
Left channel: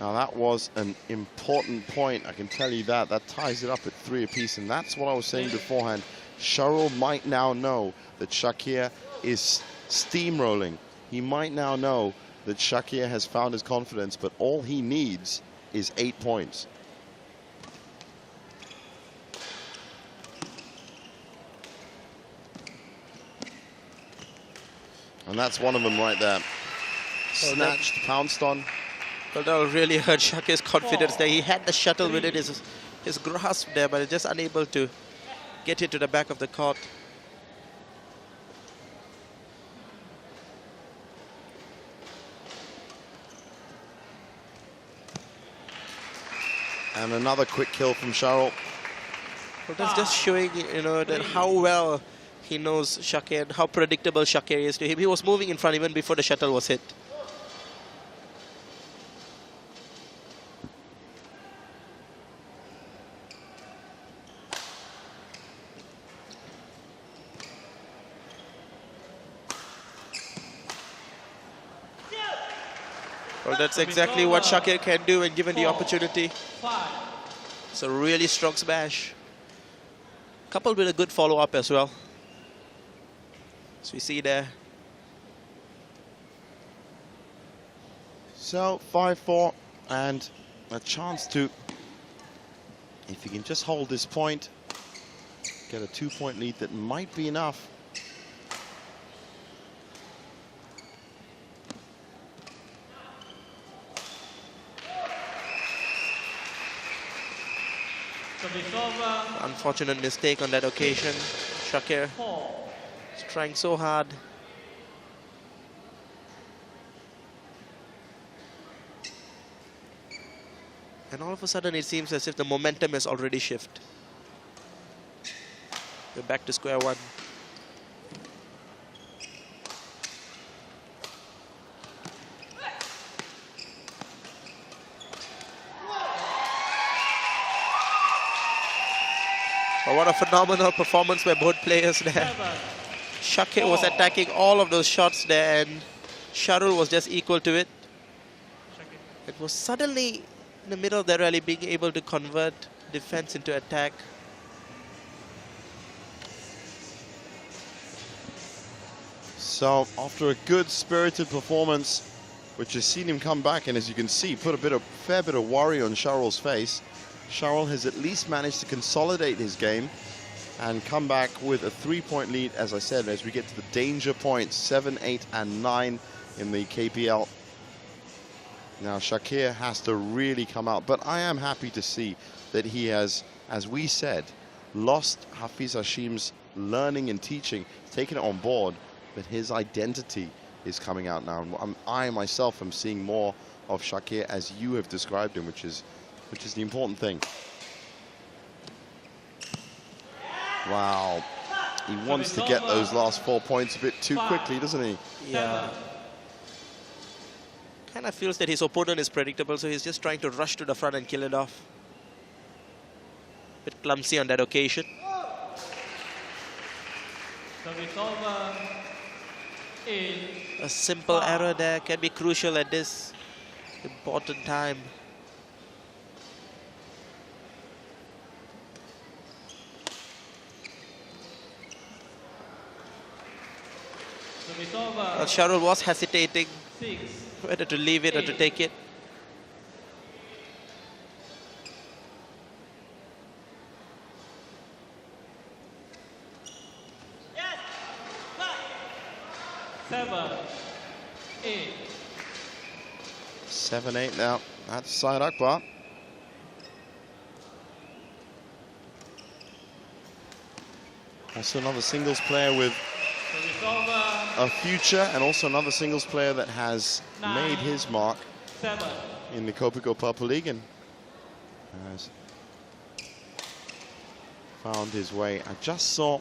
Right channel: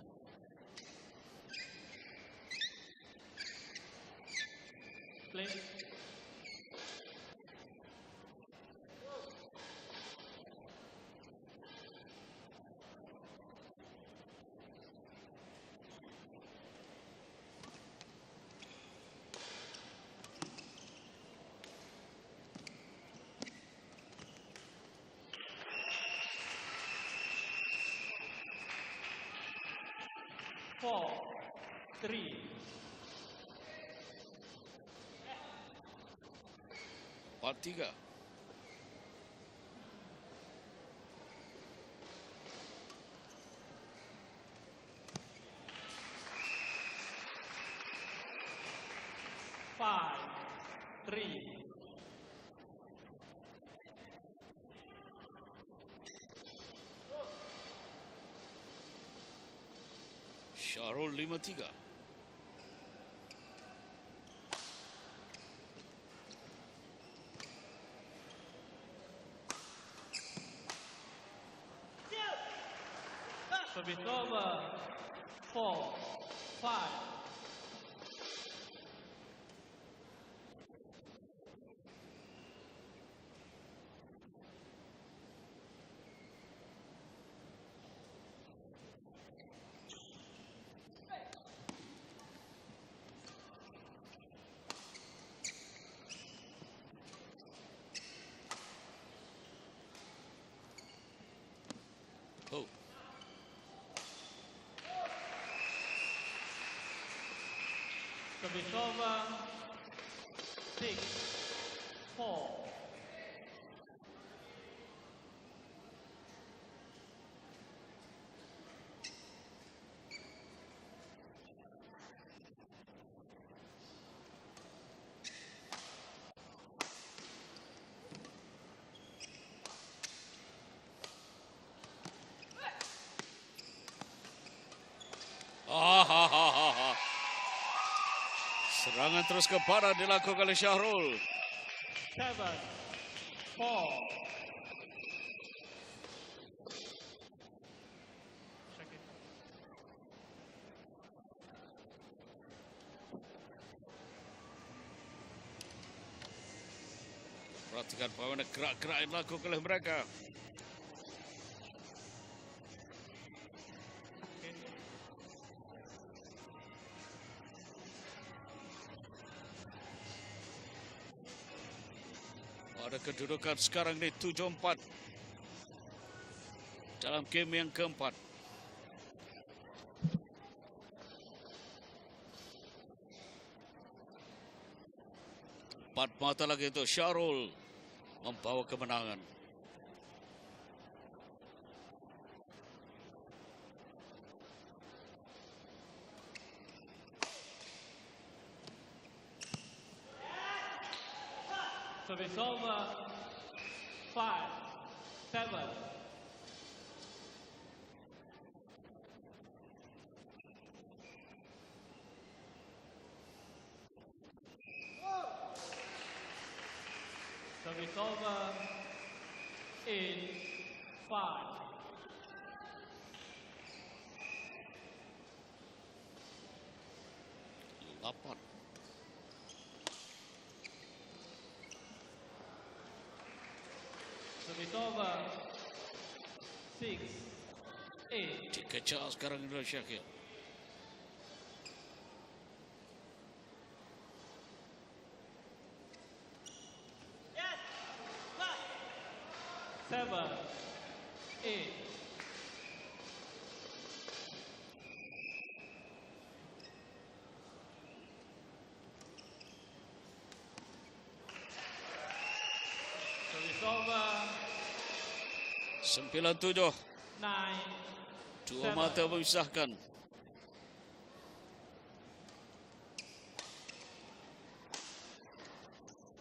Now, that was an important point, I can tell you that. That ties it up at 3 apiece, and that's what I was saying beforehand. Sharul might now know that Shakir is steamrolling. He might now know that Shakir has found his confidence, but all he needs is 8 points. And that's one of them right there. Snatched, pounced on. Well, that will really hurt Shakir's confidence there. He had the shuttle within his grasp there, but just unable to get it to the back of the court. And another quick kill from Sharul. Well, that's just showing, you know, that how well he knows Shakir and how predictable Shakir is to him. He was moving in front even before the shuttle was hit. Well, that's exactly what Shakir can do when given the opportunity. 5. It's a really strong smash, coupled with a good follow-up as well. As we see there. So 5-4 and a chance to, if he can just hold this point, get a 2-point lead that might be enough. Unfortunate mistake on that occasion. Shakir is trying so hard. And all of a sudden it seems as if the momentum has already shifted. We're back to square one. Oh, what a phenomenal performance by both players there. Shakir was attacking all of those shots there and Sharul was just equal to it. It was suddenly in the middle of the rally being able to convert defense into attack. So after a good spirited performance, which has seen him come back, and as you can see, put a fair bit of worry on Sharul's face, Sharul has at least managed to consolidate his game and come back with a 3-point lead, as I said, as we get to the danger points, 7, 8, and 9 in the KPL. Now Shakir has to really come out, but I am happy to see that he has, as we said, lost Hafiz Hashim's learning and teaching, taken it on board, but his identity is coming out now. And I myself am seeing more of Shakir as you have described him, which is the important thing. Wow. He wants to get those last 4 points a bit too quickly, doesn't he? Yeah. Kind of feels that his opponent is predictable, so he's just trying to rush to the front and kill it off. Bit clumsy on that occasion. Service over. 8. A simple error there can be crucial at this important time. Service over. Sharul was hesitating 6. whether to leave it or to take it. Kajang sekarang mulai syakir. Seven. 8. 7-8 now. That's Syed Akbar. Also another singles player with Service over. a future, and also another singles player that has made his mark 7. in the Kopiko Purple League and has found his way. I just saw